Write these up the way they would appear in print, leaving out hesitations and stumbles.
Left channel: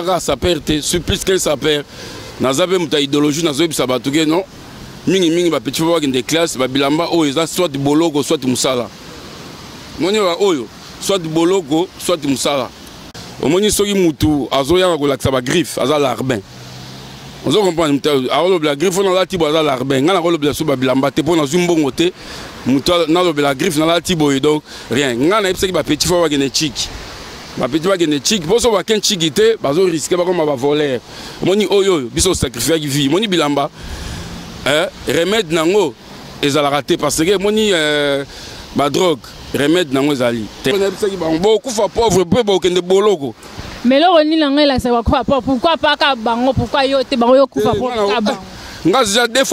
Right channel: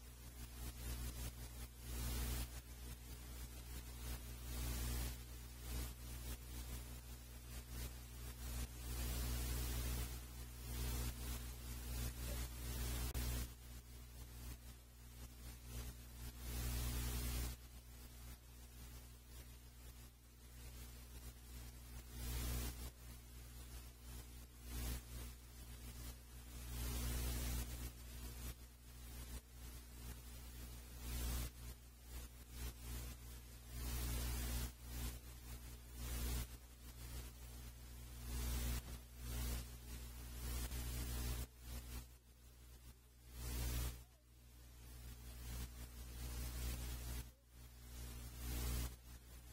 nazaka saper te plus que saper nazabe muta idéologie nazobi sabatuke non mingi ba petit fois de classe ba bilamba oyo eza soit boloko soit musala moni wa oyo soit boloko soit musala omoni soki mutu azoya ko laksa ba griffe aza larbin on comprend alors la griffe on a tibo aza larbin ngana ko lobela so ba bilamba te pona zumbongo te mutu na lobela griffe na la tibo donc rien ngana epseki ba petit fois de chiki ma petit fois de chiki poso ba ken chiki te bazo risquer ba comme ba voler moni oyo biso sacrifier vie moni bilamba remède nango ezala raté parce que moni ba drogue remède nango ezali beaucoup fa pauvre peu ba okende boloko mais là ni nanga la ça pourquoi pas ka bango pourquoi yo te bango yo kufa pour bango nga déjà deux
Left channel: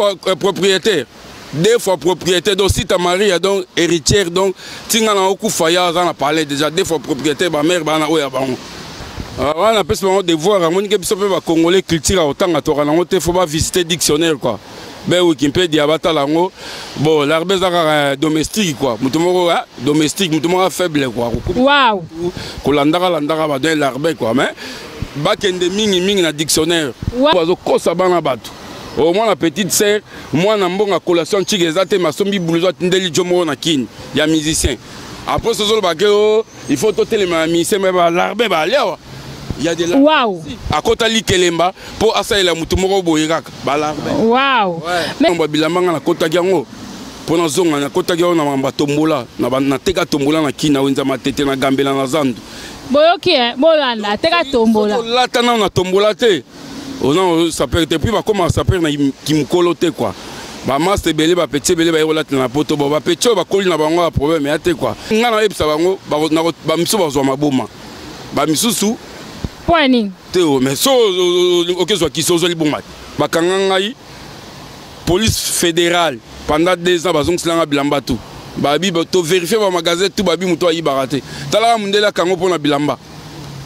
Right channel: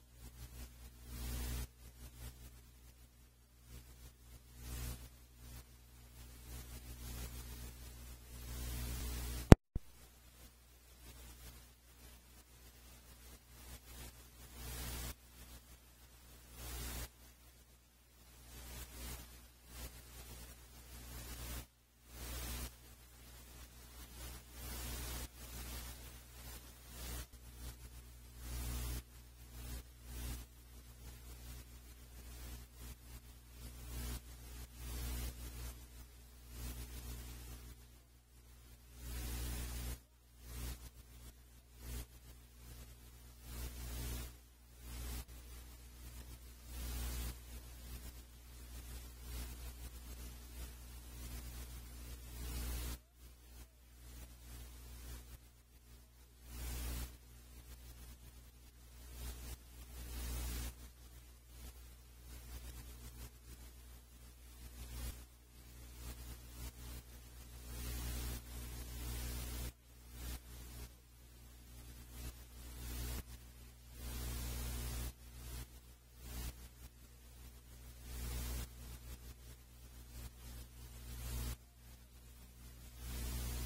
fois propriétaire donc si ta mari a donc héritière donc tinga na okufa ya za na parler déjà deux fois propriétaire ba mère ba na oya bango on a plus de devoir à moni ke biso pe ba congolais culture autant à tora nango te faut pas visiter dictionnaire quoi. Ben Wikipédia bata lango bon l'arbre domestique quoi mutumoko domestique mutumoko faible quoi waouh kolandaka landaka ba dans l'arbre quoi mais bakende mingi na dictionnaire bazo kosa bana bato au moins la petite sœur moi na mbonga collation chike ezate masombi blouson ndeli jomo na kini ya musicien après ce jour bakeo il faut toteler ma musicien mais l'arbre ba leo il y a des waouh à côté li kelemba pour asaila mutu moko boyiraka balarbe waouh mais on bilamba na kota yango pour na zonga na kota yango na mamba tombola na teka tombola na kina wenza matete na gambela na zandu boyoki bolanda teka tombola lata na tombola te on ça peut être puis va comment ça peut na kimkolo te quoi ba master belé ba petit belé ba yola na poto ba petit ba koli na bango problème ya te quoi ngana ebisa bango ba miso ba zo maboma ba misusu Poining. Théo, mais so ok soit qui sont bon mat. Bakangangai police fédérale pendant 2 ans bazong silanga bilamba tout. Babi to vérifier ba magasin tout babi muto ayi baraté. Tala mundela kango pona bilamba.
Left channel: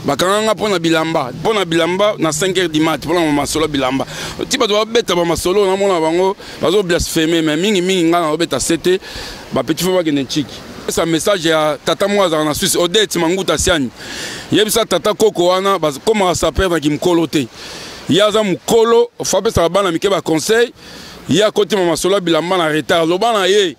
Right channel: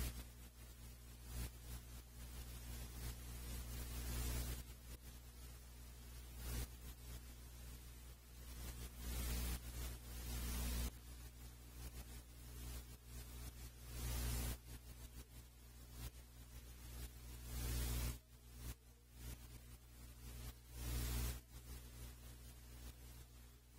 Bakanganga pona bilamba na 5h du mat pona mama solo bilamba. Ti ba doit beta ba masolo na mona bango bazo blasphémer mais mingi ngana obeta 7 ba petit fois ba genetiki. Ce message à Tata Mwaza en Suisse, Odette Manguta Siani. Yebisa Tata Koko wana, comment ça s'appelle dans Kimkolo te. Yaza Mukolo, Fabé Sarabana Mikeba conseil. Ya côté Mama Sola Bilamba na retard. Lobana ye.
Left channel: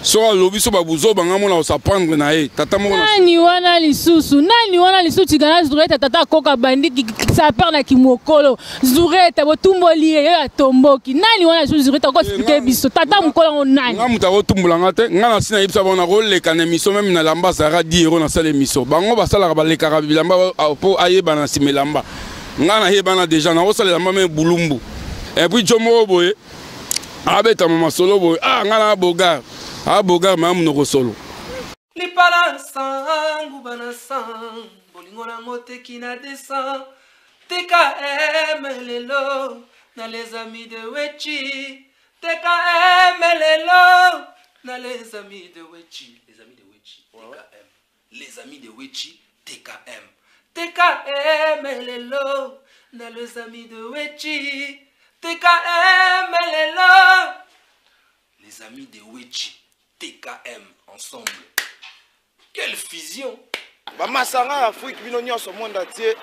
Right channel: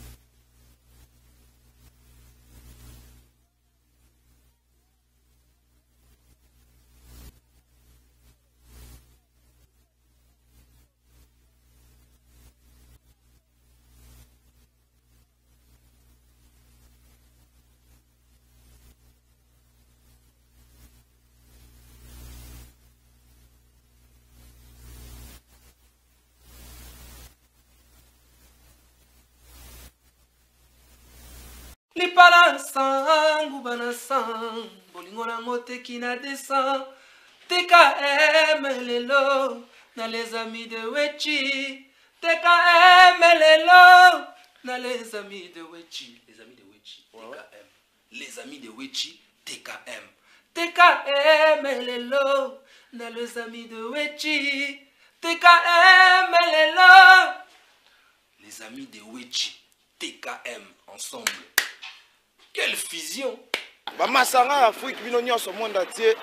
Soit lobi so babuzo bangamo na osapandre na ye. Tata Mwaza. Nani wana lisusu tigana zureta Tata Koka bandi qui s'appelle na Kimokolo. Zureta botumboli ya tomboki. Nani wana lisusu zureta ko expliquer biso. Tata Mukolo on nani. Nga muta ko tumbulanga te. Nga na sina yibisa bona ko leka na miso même na lamba sara 10 € na sala miso. Bango basala ka baleka ka bilamba po ayeba na simelamba. Nga na yeba déjà na osala lamba même bulumbu. Et puis jomo boye. Abeta mama solo boye. Nga na bogar. Bogar ma amu no solo. Lipala sangu bana sang. Bolingo na mote qui na descend. TKM lelo. Na les amis de Wechi. TKM lelo. Na les amis de Wechi. Les amis de Wechi. TKM. Les amis de Wechi. TKM. TKM lelo. Na les amis de Wechi. TKM lelo. Les amis de Wechi. TKM ensemble. Quelle fusion! Bamasanga Afrique bino nyonso monde entier.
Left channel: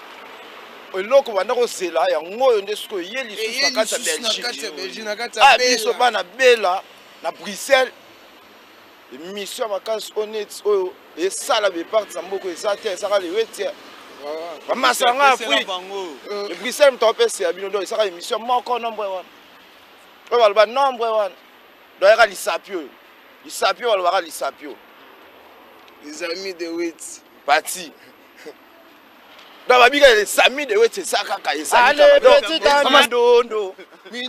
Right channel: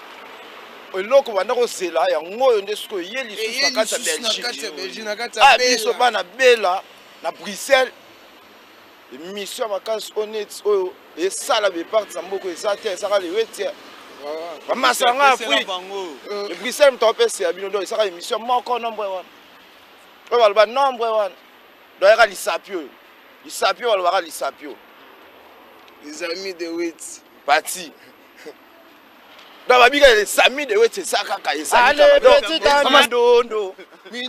Eloko banda ko sela ya ngoyo ndesko yeli susa kata Belgique. Ah biso bana bela na Bruxelles. Mission vacances honnête oyo et sala be part samboko ezate saka le wetia. Bamasanga Afrique. Le Bruxelles mtopese ya bino do saka émission moko nombre 1. Oyo balba nombre 1. Doyaka lisapio. Lisapio walwaka lisapio. Les amis de Wet. Parti. Dans ma biga les amis de Wet c'est ça kaka les amis. Allez petit ami dondo.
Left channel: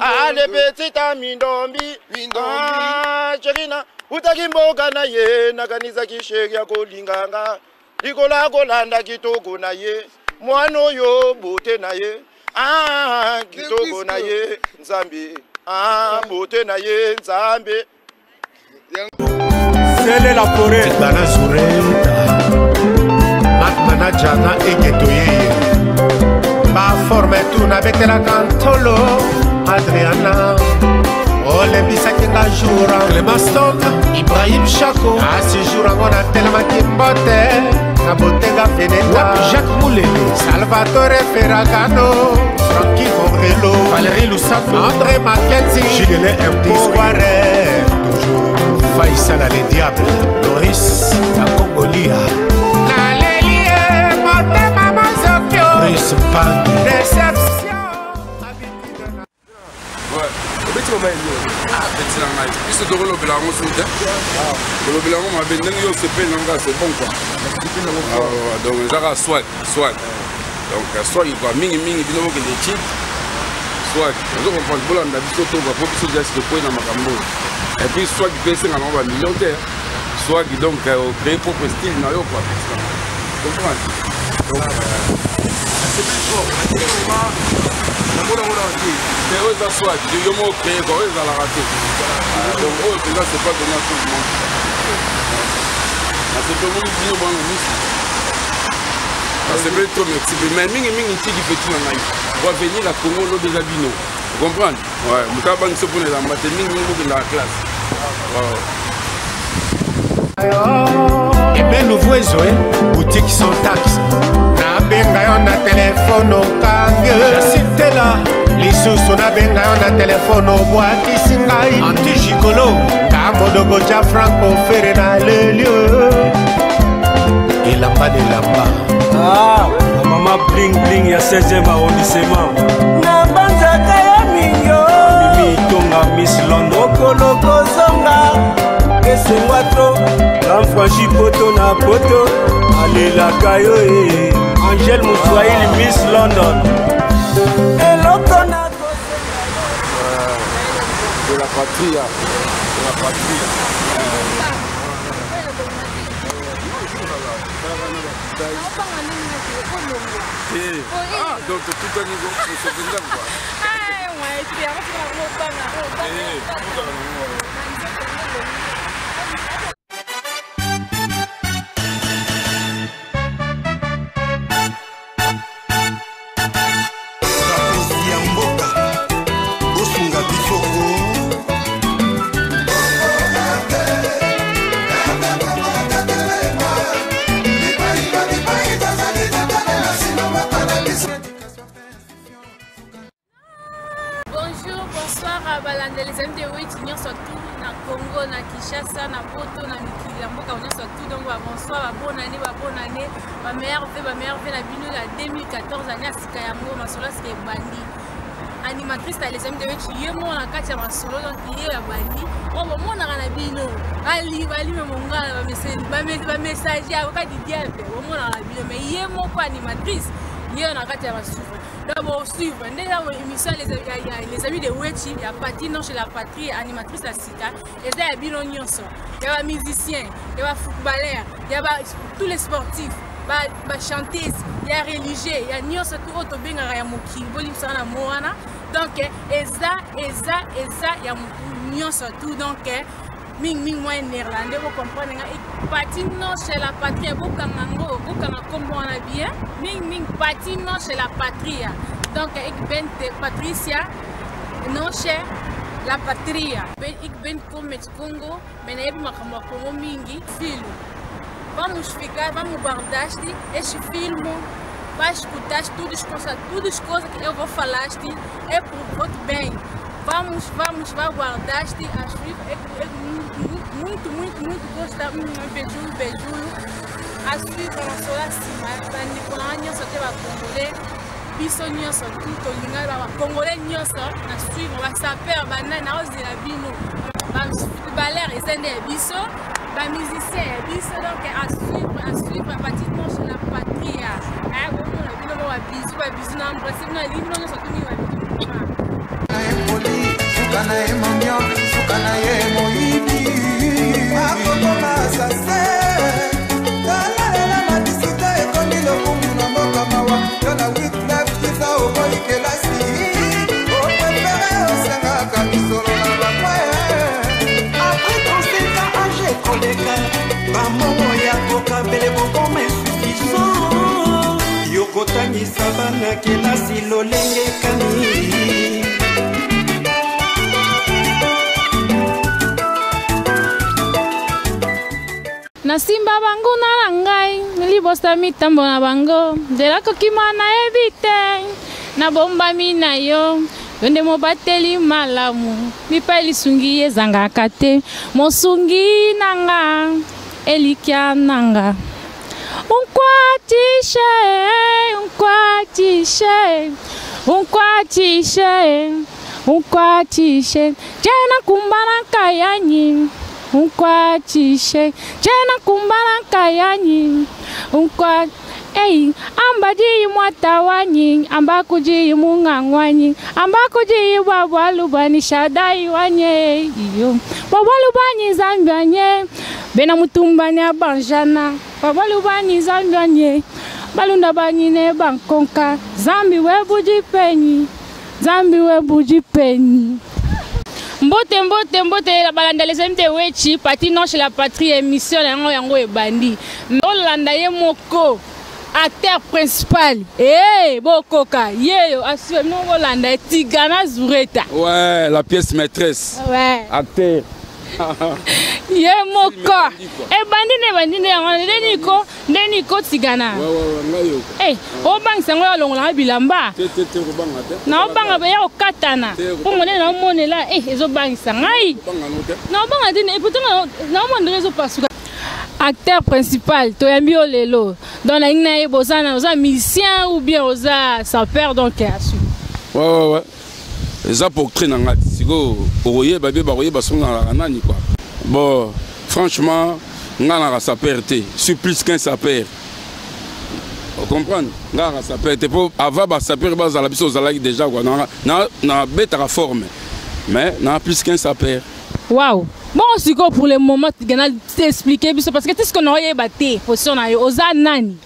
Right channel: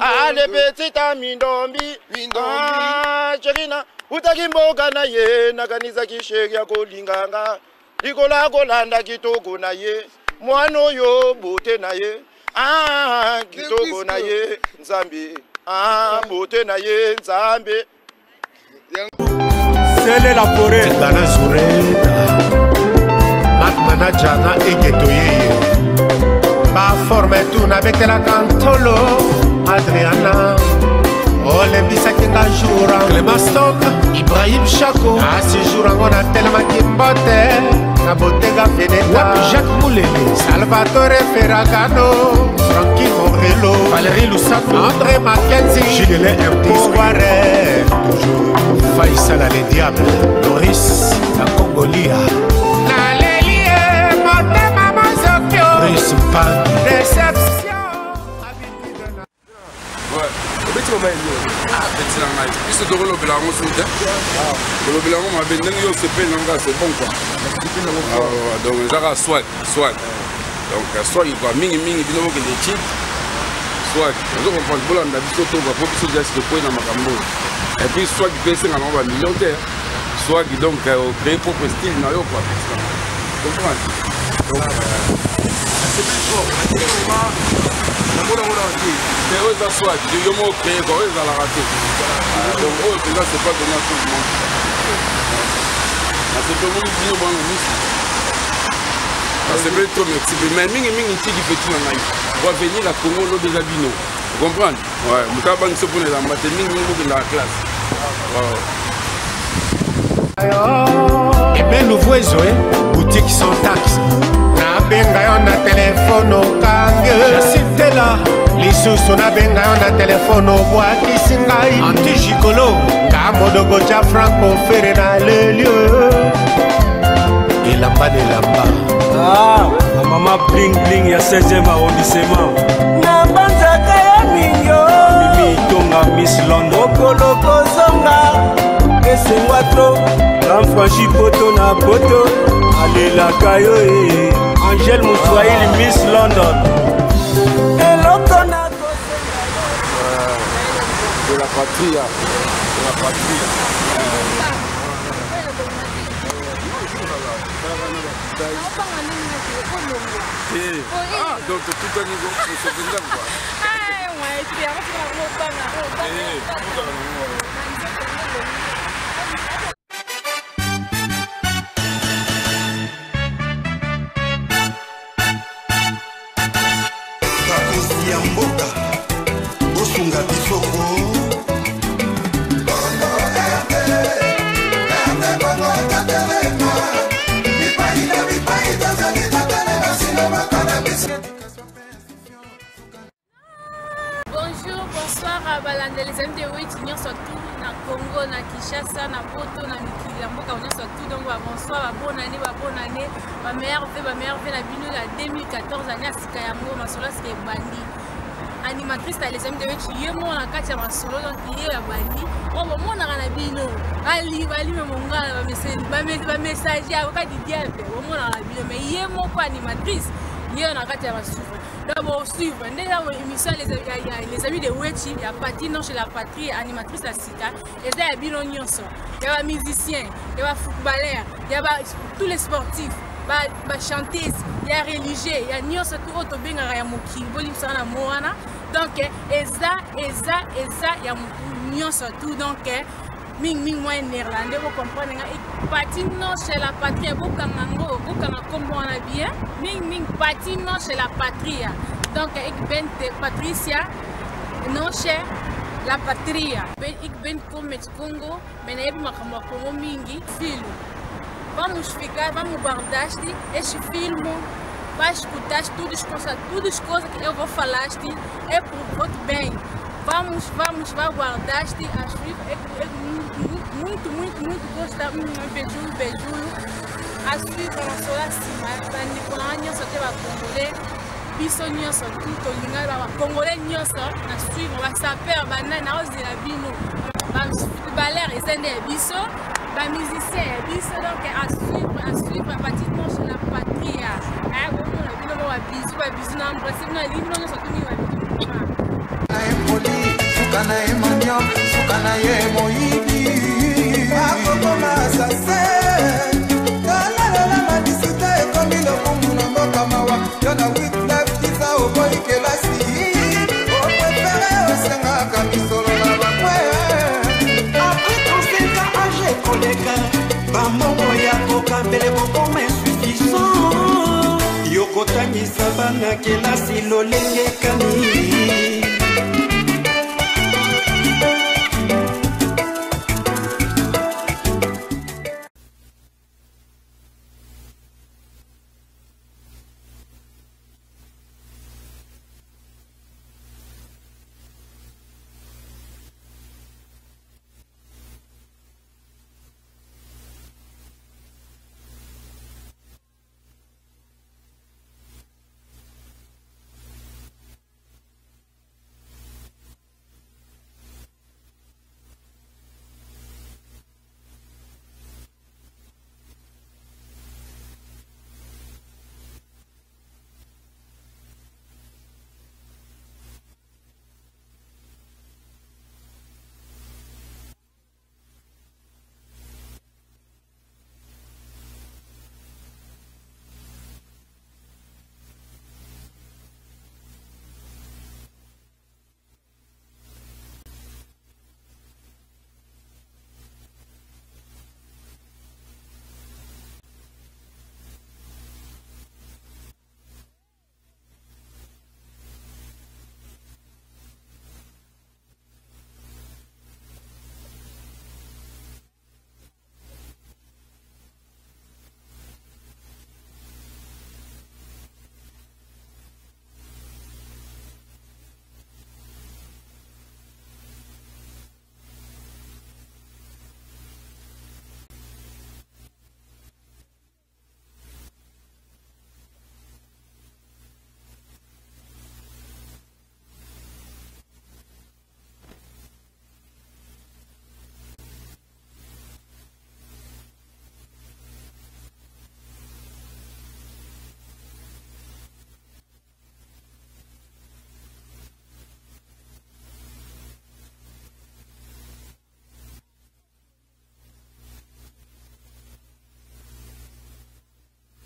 Allez petit ami dombi. Ah Cherina. Utaki mboka na ye nakanisa kisheki ya kolinganga. Likola kolanda kitoko na ye. Mwano yo bote na ye. Ah kitoko na ye Nzambi. Ah bote na ye Nzambi. C'est la forêt. Dana Zureta. Mat manajana egetoye. Ba forme tout avec la cantolo. Adriana. Ole bisaki nga jour. Clémaston. Ibrahim Chako. A ce jour on a tellement kimbote. Kabotega Feneta, Jacques Moulele, Salvatore Ferragano, Francky Morello, Valérie Loussato, André Mackenzie, Gilles Impo, Warren, toujours Faïssa les Diables, Loris, la Congolia, Nalélie, Motema Mazokyo, Brice Pan, Déception. Ouais. Petit la night. Puisque tu roules au bilan, on se dit. Le bilan, on m'a bien dit, c'est bon quoi. Donc, ça soit. Donc, soit il va mini, il dit que les cheats. Soit, on comprend le boulot, on a vu surtout, on va pas plus de ce que pour dans ma cambo. Et puis, soit il baisse un nombre millionnaire, soit il donc créer propre style dans le quoi. Comprends? Donc, c'est plus fort. C'est eux qui soit, ils ont créé, eux ils ont raté. Donc eux, déjà, c'est pas donné à tout le monde. C'est tout le monde qui dit, bon, c'est bien trop merci. Mais ming qui dit petit dans naïf. On va venir à Congo, l'eau déjà bino. Vous comprenez? Ouais, nous avons ce pour les amateurs, ming dans la classe. Eh bien, nous voyons, boutique sans taxe. Nabenga on a téléphone au kange. Jacinthe là, Lisusu nabenga on a téléphone au bois qui singai. Anti-Gigolo, Kamodogo cha Franco Ferre dans le lieu. et Lamba de Lamba. Ah, la maman bling bling ya 16e arrondissement. Na banzaka ya minyo Mimi Tonga Miss London. Okoloko zonga Esengwa tro, l'enfranchi poto na poto. Alelaka yo e, Angèle Moussoaïl Miss London. eloko na De la patrie. De la patrie. Donc tout un niveau, c'est ce que quoi. bakozi ya mboka bosunga bisoko Bonjour, bonsoir à Balande, les amis de Witch, nous sommes tous na Congo, na Kinshasa, na Poto, na Mikili, Mboka, nous sommes tous donc bonsoir, bonne année, ma mère fait la bino la 2014 année à Sikayango, ma solo c'est Bandi. Animatrice les amis de Witch, yé mon la katia ma solo donc yé la Bandi. On va mon na bino, ali me monga, ba message ya ka di diable, on mon na bino mais yé mon quoi animatrice, yé na katia ma solo. D'abord suivre l'émission les amis de Wechi, il y a Patino chez la patrie, animatrice à Sika, et il y a Bino Nyonso, il y a musiciens, il y a footballeurs, il y a tous les sportifs, chanteuses, il y a religieux, il y a Nyonso tout autre bien à Moki, Bolim Sana Moana, donc Eza, il y a Nyonso tout donc Ming moi néerlandais, vous comprenez, Patino chez la patrie, Bukangango, comme on a bien, Ming Patino chez la patrie. Donc, ik ben Patricia, non chez la patria. Ik ben comme met Congo, mais je suis Congo mingi, film. Vamos ficar, vamos guardar este filme, vai escutar tudo as coisas que eu vou falar, é por votre bem. Vamos guardar as muito gostar, beijo, a suivre na sua cima, para Nicolas Nyonso te va congolais, biso Nyonso tout olinga ba congolais Nyonso na suivre ba saper ba na ozela bino, ba footballeur ezende biso, ba musicien biso donc à suivre pratiquement sur la patrie. Bon na bino ba biso na principe na libno Nyonso tout ni ba bino. Empoli, sukana emanyo, sukana ye moibi. Akokoma sase, la madisita ekomi lokumu na mboka mawa. Yona 8-9 kisa oboyi kelasi. O prefere osengaka misolo na bakwe. Après 35 ans âgé koleka, bamongo ya kokabele kokoma insuffisant. Yokotangisa bana kelasi lolenge kani. Na simba bangu na ngai libosa mitambo na bango nzela kokima na ebite na bomba mina yo yonde mobateli malamu mipa lisungi ezangaka te mosungi nanga elikia nanga unkwatishe jena kumbana kayanyi unkwatishe jena kumbana kayanyi unkwa ei ambaji mwatawanyi ambakuji mungangwanyi ambakuji babwalubani shadai wanye iyo babwalubani zambanye bena mutumbanya banjana babwalubani zambanye balunda banyine bankonka zambi webuji penyi mbote la balanda les mte wechi parti non chez la patrie émission yango ebandi olanda ye moko acteur principal bokoka yeyo assume non olanda Tigana Zureta ouais la pièce maîtresse ouais acteur ye moko ebandi deniko Tigana obangisa ngo yalongola bilamba na obanga be ya okatana pomone na omonela ezobangisa ngai na obanga dine pourtant na omondre ezopasuka acteur principal toyambi olelo dans la ina bozana oza musicien ou bien oza sapeur donc asu ouais eza portrait na ngati siko oye babe baroye basonga na nani quoi bon franchement ngana sapeur te suis plus qu'un sapeur on comprend ngana sapeur te pour avant ba sapeur bazala biso zalaki déjà quoi na beta forme mais na plus qu'un sapeur. Waouh. Bon, c'est quoi pour le moment, tu vas t'expliquer parce que tu sais qu'on a eu battu position na oza nani.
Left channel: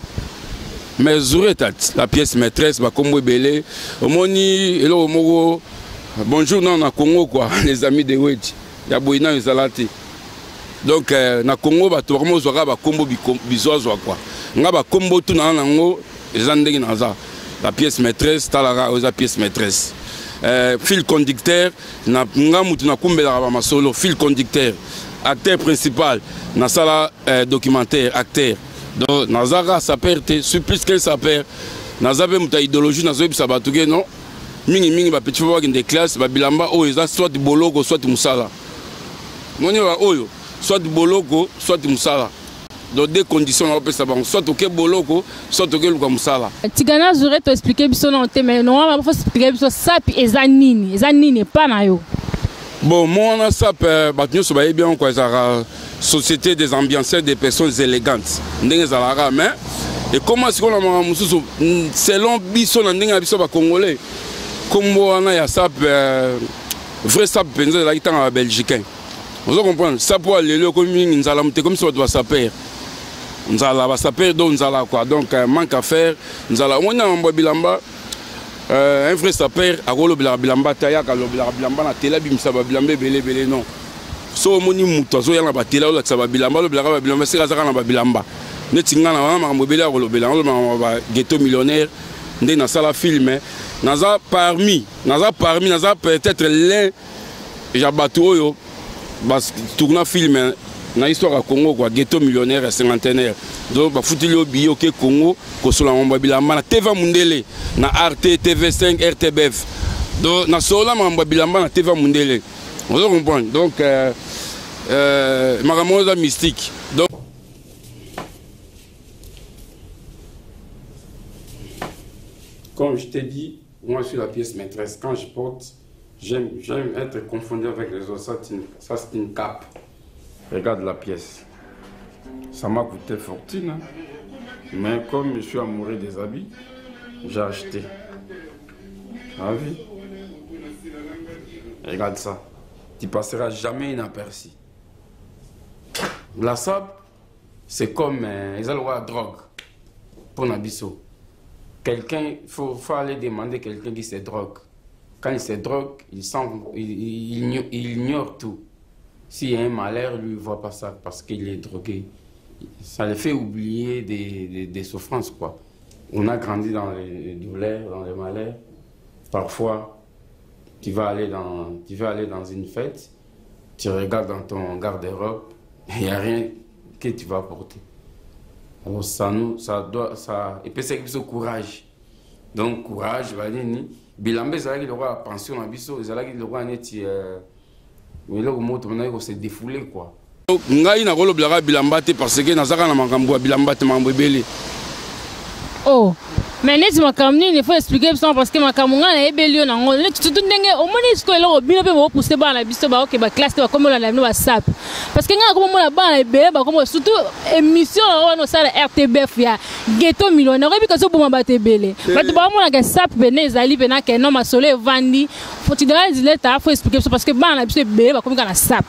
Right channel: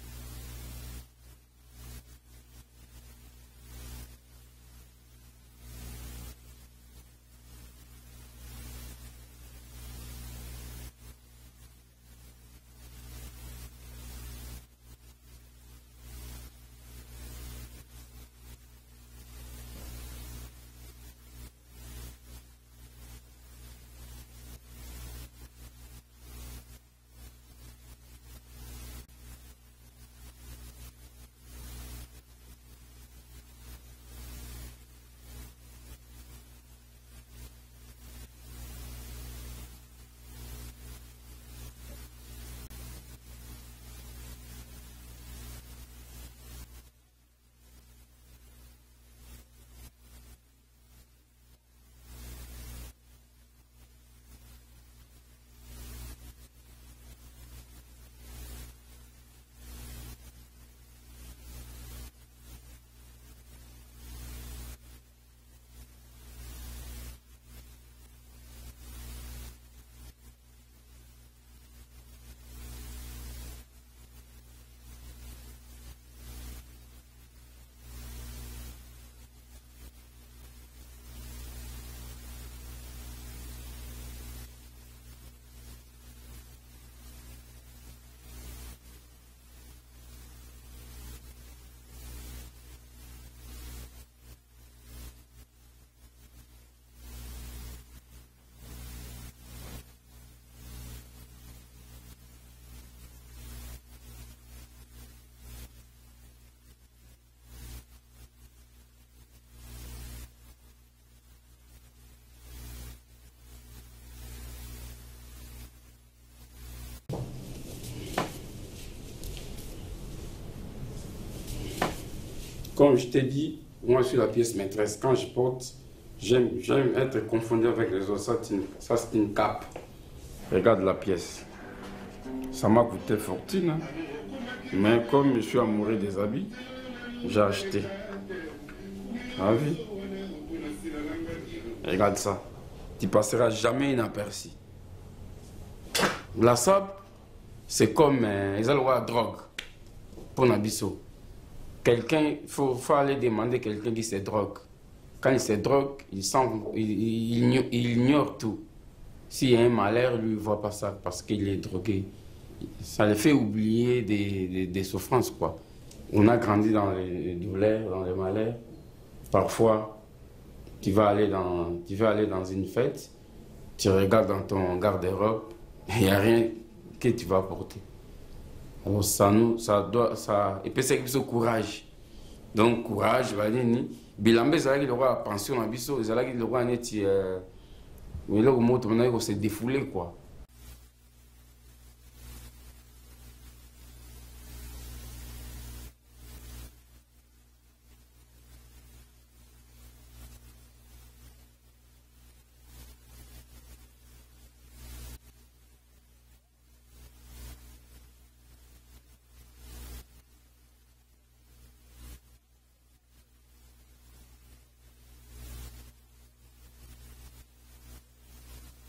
Mais Zureta la pièce maîtresse ba kombo belé omoni elo mogo bonjour na Congo quoi les amis de Wedji ya boina ezalati donc na Congo ba to vraiment zora ba kombo bizozo quoi nga ba kombo tout na nango ezandeki naza la pièce maîtresse talara oza pièce maîtresse fil conducteur na nga mutu na kumbela ba masolo fil conducteur acteur principal na sala documentaire acteur donc nazara sapeur te suis plus qu'un sapeur nazabe muta idéologie nazobi sabatuke non mingi ba petit fois de classe ba bilamba o eza soit boloko soit musala moni wa oyo soit boloko soit musala dans des conditions on peut savoir soit OK boloko soit OK luka musala Tigana Zureta expliquer biso na te mais non on va expliquer biso sapi ezanini pas na yo bon moi na sap batnyo so ba bien quoi ça société des ambianceurs des personnes élégantes ndenge zalara mais et comment est-ce qu'on a mususu selon biso na ndenge biso ba congolais comme on a sap vrai sap penza la kitanga belgicain vous comprenez ça pour aller le comme nzala mte comme ça doit saper nzala ba saper donc nzala quoi donc manque à faire nzala on a mbo bilamba un vrai saper a rolo bilamba taya ka lo bilamba na tela bimisa ba bilamba belé non so moni muto zo yana ba tela lo sa ba bilamba lo bilamba c'est ka na ba bilamba netinga na wana makambo belé a rolo bilamba ba ghetto millionnaire ndé na sala film naza parmi naza peut-être l'un jabatu oyo bas tourna film na histoire à Congo quoi ghetto millionnaire et cinquantenaire donc ba futili obi OK Congo ko sola mamba bilamba na TV Mundele na RT TV5 RTBF donc na sola mamba bilamba na TV Mundele vous comprenez donc maramoza mystique donc comme je t'ai dit moi je suis la pièce maîtresse quand je porte j'aime être confondu avec les autres ça c'est une cape. Regarde la pièce. Ça m'a coûté fortune. Hein? Mais comme je suis amoureux des habits, j'ai acheté. Ah oui. Regarde ça. Tu passeras jamais inaperçu. La sape, c'est comme ils ont la drogue. Pour Nabiso. Quelqu'un, il faut aller demander quelqu'un qui se drogue. Quand il se drogue, il ignore tout. S'il y a un malheur, lui ne voit pas ça parce qu'il est drogué. Ça le fait oublier des souffrances, quoi. On a grandi dans les douleurs, dans les malheurs. Parfois, tu vas aller dans une fête, tu regardes dans ton garde-robe, il n'y a rien que tu vas porter. Alors ça epesaki biso courage. Donc courage banini bilamba ezalaki lokola pension na biso ezalaki lokola neti eloko moto mona ko se défouler quoi. Ngai na kolobelaka bilamba te parce que nazaka na makambo ya bilamba te makambo ebele. Oh, mais neti makambo nini il faut expliquer ça parce que makambo nga na ebeli na ngo tout ndenge omoni isko eloko bino pe bo pousser ba na biso ba OK ba classe ba comme la no ba sap parce que nga comme mona ba na ebele ba comme surtout émission on ça RTBF ya ghetto millionnaire et puis que so boma ba tebele ba to ba mona ka sap bene ezali bena ke no masolo evandi faut tu dois dire ta faut expliquer ça parce que ba na biso ebele ba comme ka na sap.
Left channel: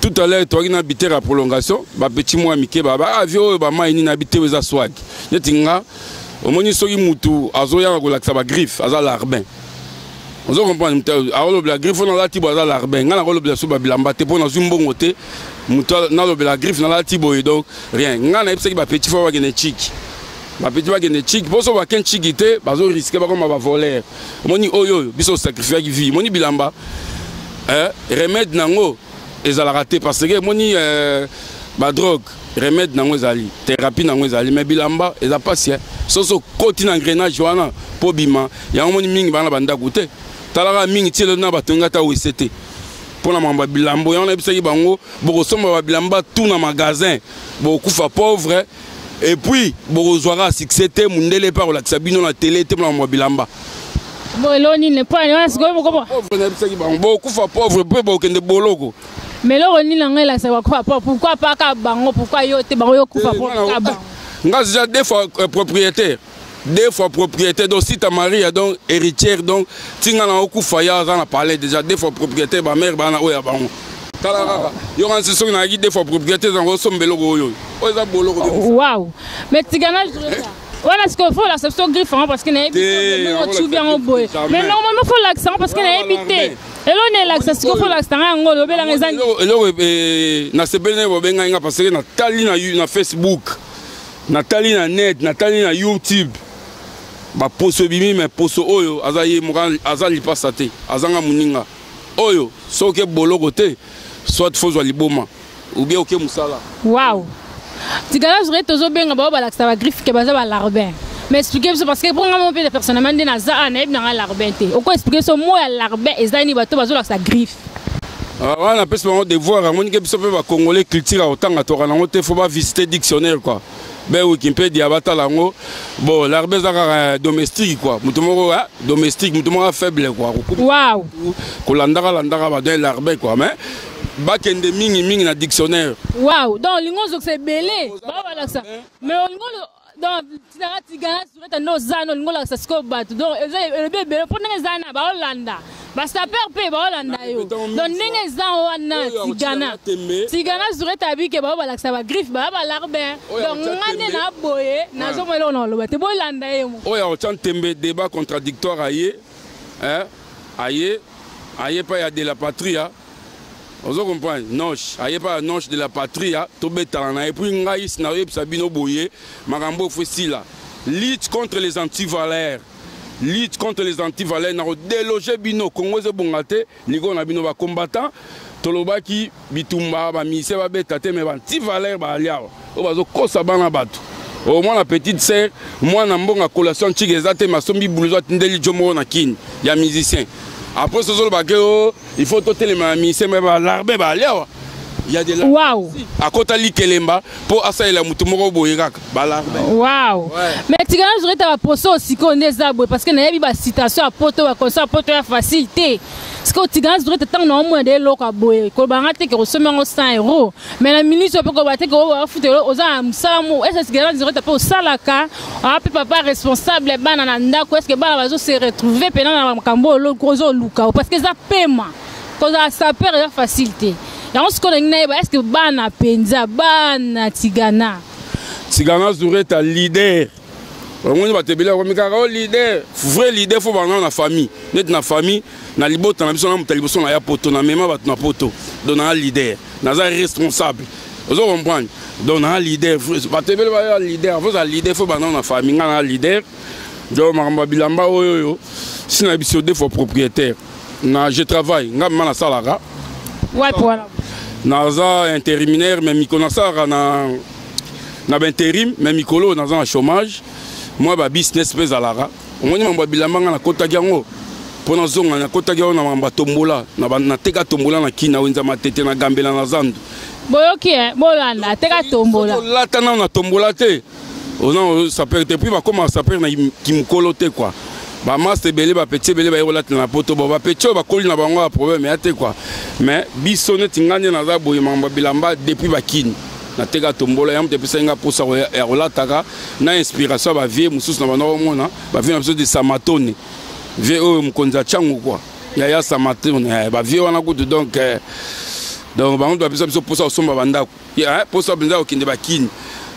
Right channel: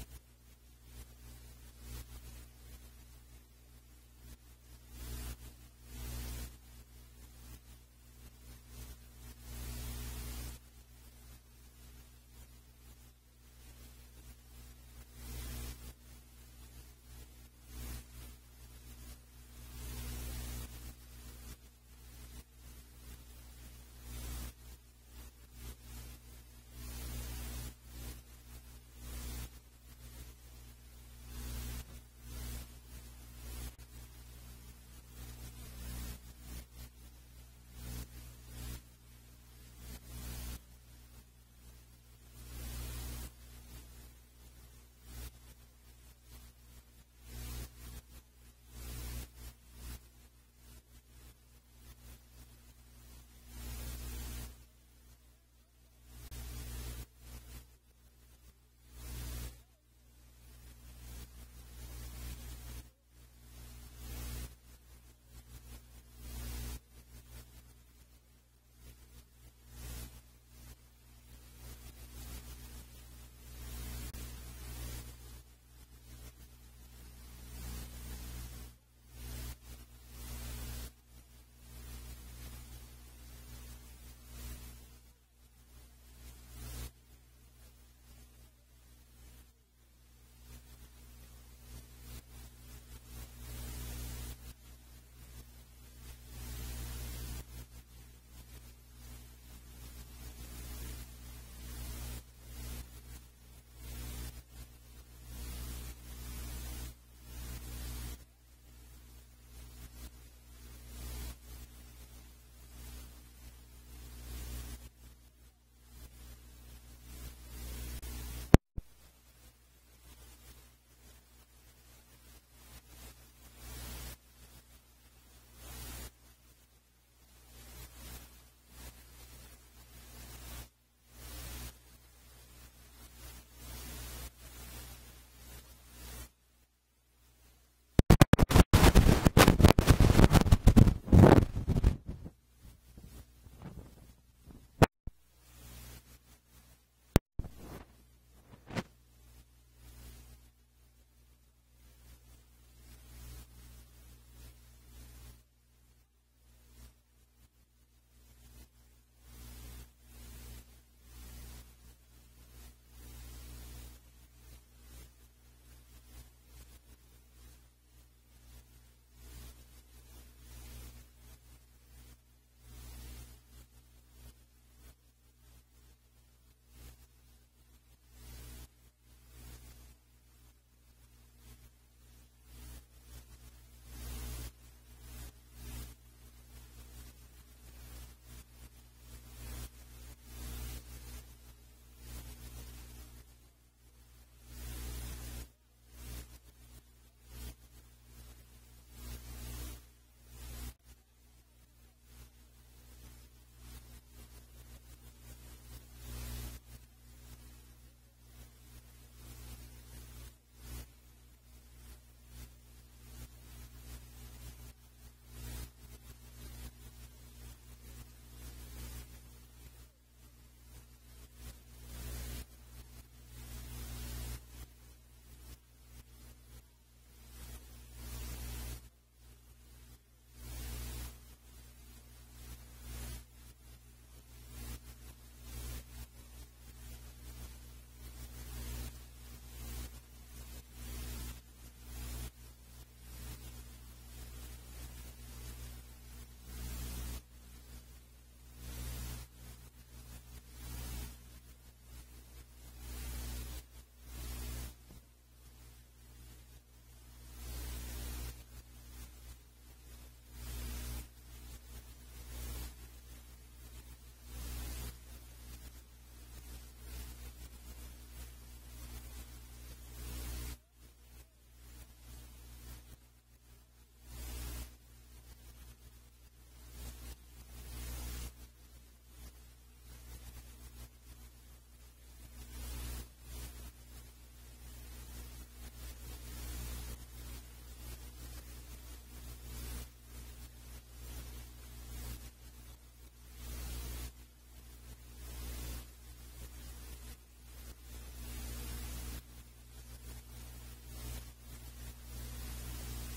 Tout à l'heure, tu as habité la prolongation, ba petit mois mike ba avion ba mai ni habité aux swag. Yetinga au moni soki mutu azoya ko laksa ba griffe aza larbin. On zo comprendre alors la griffe on la tibo aza larbin. Ngana ko lo so ba bilamba te pona zumbongo te mutu na lo la griffe na la tibo donc rien. Ngana epse ki ba petit fo wa gene chic. Ba petit wa gene chic, bo so ba ken chikité ba zo risquer ba comme ba voler. Moni oyo biso sacrifier ki vie. Moni bilamba remède nango ezala raté parce que moni ba drogue remède nango ezali thérapie nango ezali mais bilamba eza pas soso koti na engrenage wana po bima ya moni mingi bana banda goûter talaka mingi tielo na batonga ta OCT pona mamba bilambo ya on a bisaki bango boko somba ba bilamba tout na magasin boko kufa pauvre et puis boko zwara succès te mundele par la sabino na télé te mamba bilamba bon eloni ne pas on se go comment pauvre na bisaki bango boko kufa pauvre pe boko kende boloko. Mais là, on est là, ça va quoi? Pourquoi pas Kabango? Pourquoi yote bango kufa Kabango? Nga déjà deux fois propriétaire. Deux fois propriétaire. Donc si ta mari est donc héritière, donc tinga na okufa ya za na parler déjà deux fois propriétaire ba mère ba na oya bango. Kala yo kan se so na gi deux fois propriétaire za ngosombelo goyo. O za boloko. Waouh. Mais tigana je dirais ça. Voilà ce qu'il faut la section griffe parce qu'il est tout bien au boy. Mais normalement faut l'accent parce qu'il est habité. Et là on est l'accent ce qu'il faut l'accent ngolo be la ngezani. Elo na sebene bo benga nga parce que na tali na Facebook. Na tali na net, na tali na YouTube. Ba poso bimi mais poso oyo azaye mukan azali pasate. Azanga muninga. Oyo soke boloko te soit faut liboma ou bien OK musala. Waouh. Tigala je toujours bien ba ba l'accent ba griffe que baza ba larbin. Mais expliquer ça parce que pour moi mon personnellement de na za na na larbin te. O ko expliquer ce mot ya larbin ezani bato bazo l'accent griffe. On a besoin de voir à mon que biso pe ba congolais culture autant à tora nango te faut pas visiter dictionnaire quoi. Ben Wikipédia bata lango bon larbin za domestique quoi. Mutomoko domestique mutomoko faible quoi. Waouh. Ko landaka ba de larbin quoi mais bakende mingi na dictionnaire. Waouh, donc lingozo c'est belé. Voilà ça. Mais lingozo donc tigana no zano lingola ça sko bat. Donc le bébé pour nenge zana ba Hollanda. Ba saper pe ba Hollanda yo. Donc nenge zan wana tigana zure tabi ke ba bala ça ba griffe ba larbin. Donc ngane na boye na zo melo no lo te bo Hollanda yo. Oya o chantembe débat contradictoire aye. Aye pas ya de la patrie. Vous comprenez? Noche, aïe pas noche de la patrie, tout bétalana. Et puis, ngaïs na yeb sabino boye, marambo fessila. Lutte contre les antivaleurs. Lutte contre les antivaleurs. N'a délogé bino, Congo ze bongate, nigo na bino ba combattant. Toloba ki bitumba ba mise ba betate mais antivaleurs ba aliao. O bazo kosa bana batu. Au moins la petite sœur, moi na mbonga collation chigezate masombi blouson ndeli jomo na kin, ya musicien. Après ce jour, il faut tout les mamies, c'est même l'arbre, il y a des larmes. Waouh! À côté de l'Ikelemba, pour assailler la moutumoro boïrak, waouh! Mais tu gagnes, je vais poser aussi qu'on est zaboué parce que n'a pas de citation à poto, à comme ça, poto à facilité. Parce que tu gagnes, je vais te tendre au moins des locaux à boire. Quand on a été que 100 €, mais la ministre peut combattre que on va foutre aux âmes, salamou. Est-ce que tu gagnes, je vais te poser au salaka, on a papa responsable, banananda, est-ce que bana va se retrouver pendant la cambo, le gros luka, parce que ça paiement, quand ça perd la facilité. Et on se connaît, est-ce que bana penza, bana tigana? Tigana serait un leader. On va te dire, leader, vrai leader, il faut avoir la famille. Net na famille, na libota na biso na mutaliboso na ya poto na mema bat na poto. Donc na leader, na za responsable. Vous comprenez? Donc na leader, ba te bele ba leader, vous a leader, faut avoir la famille, na leader. Donc mamba bilamba oyo, si na biso deux fois propriétaire. Na je travaille, nga mana salara. Ouais, voilà. Naza intérimaire mais mi connaissara na intérim mais mikolo dans un chômage moi ba business pe zalara omoni mamba bilamba nga na kota yango pona zonga na kota yango na mamba tombola na teka tombola na kina wenza matete na gambela na zandu boyoki bolanda teka tombola lata na tombola te on ça peut depuis ba comment ça peut na kimkolo te quoi ba master belé ba petit belé ba yolata na poto ba petit ba koli na bango ba problème ate quoi mais biso net nganye na za boye mamba bilamba depuis ba kini na teka tombola yam te pesa nga posa ya rolataka na inspiration ba vie mususu na bana mona ba vie na biso de samatone vie o mkonza changu quoi ya samatone ba vie wana kutu donc ba ndo ba biso posa osomba bandako ya posa benda okinde ba kini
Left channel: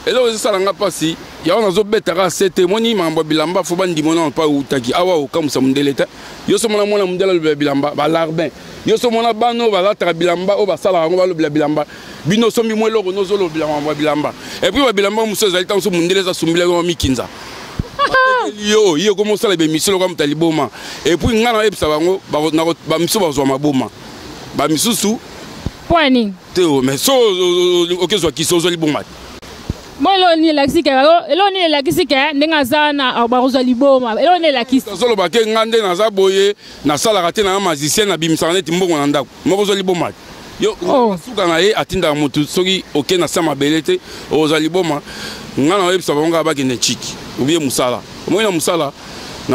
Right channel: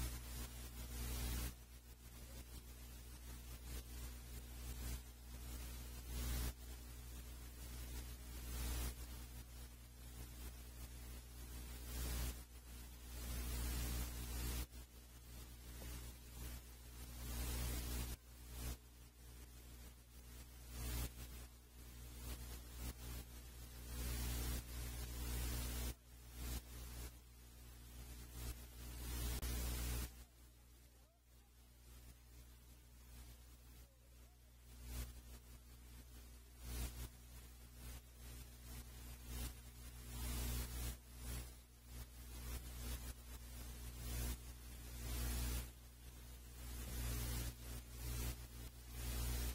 et là ça langa pasi ya on zo betaka sete moni mambo bilamba fo bandi mona pa utaki awa o kam samundeleta yo so mona mona mundela bilamba ba larbin yo so mona bano ba la bilamba o ba sala ngo ba lo bilamba bino so mi mwelo no zo lo bilamba et puis ba bilamba muso za itan so mundeleza sumbile ngo mikinza yo comme ça les missions comme taliboma et puis ngana ebisa bango ba miso ba zo maboma ba misusu point teo mais so OK zo ki so zo liboma moi eloni la kisika ndenga zana baroza liboma eloni la kisika solo ba ke ngande na za boye na sala raté na magicien na bimsana ti mbongo na ndako moko liboma yo suka na ye atinda mutu soki OK na sama belete oza liboma ngana webisa bango ba ke ne chiki ubie musala moi na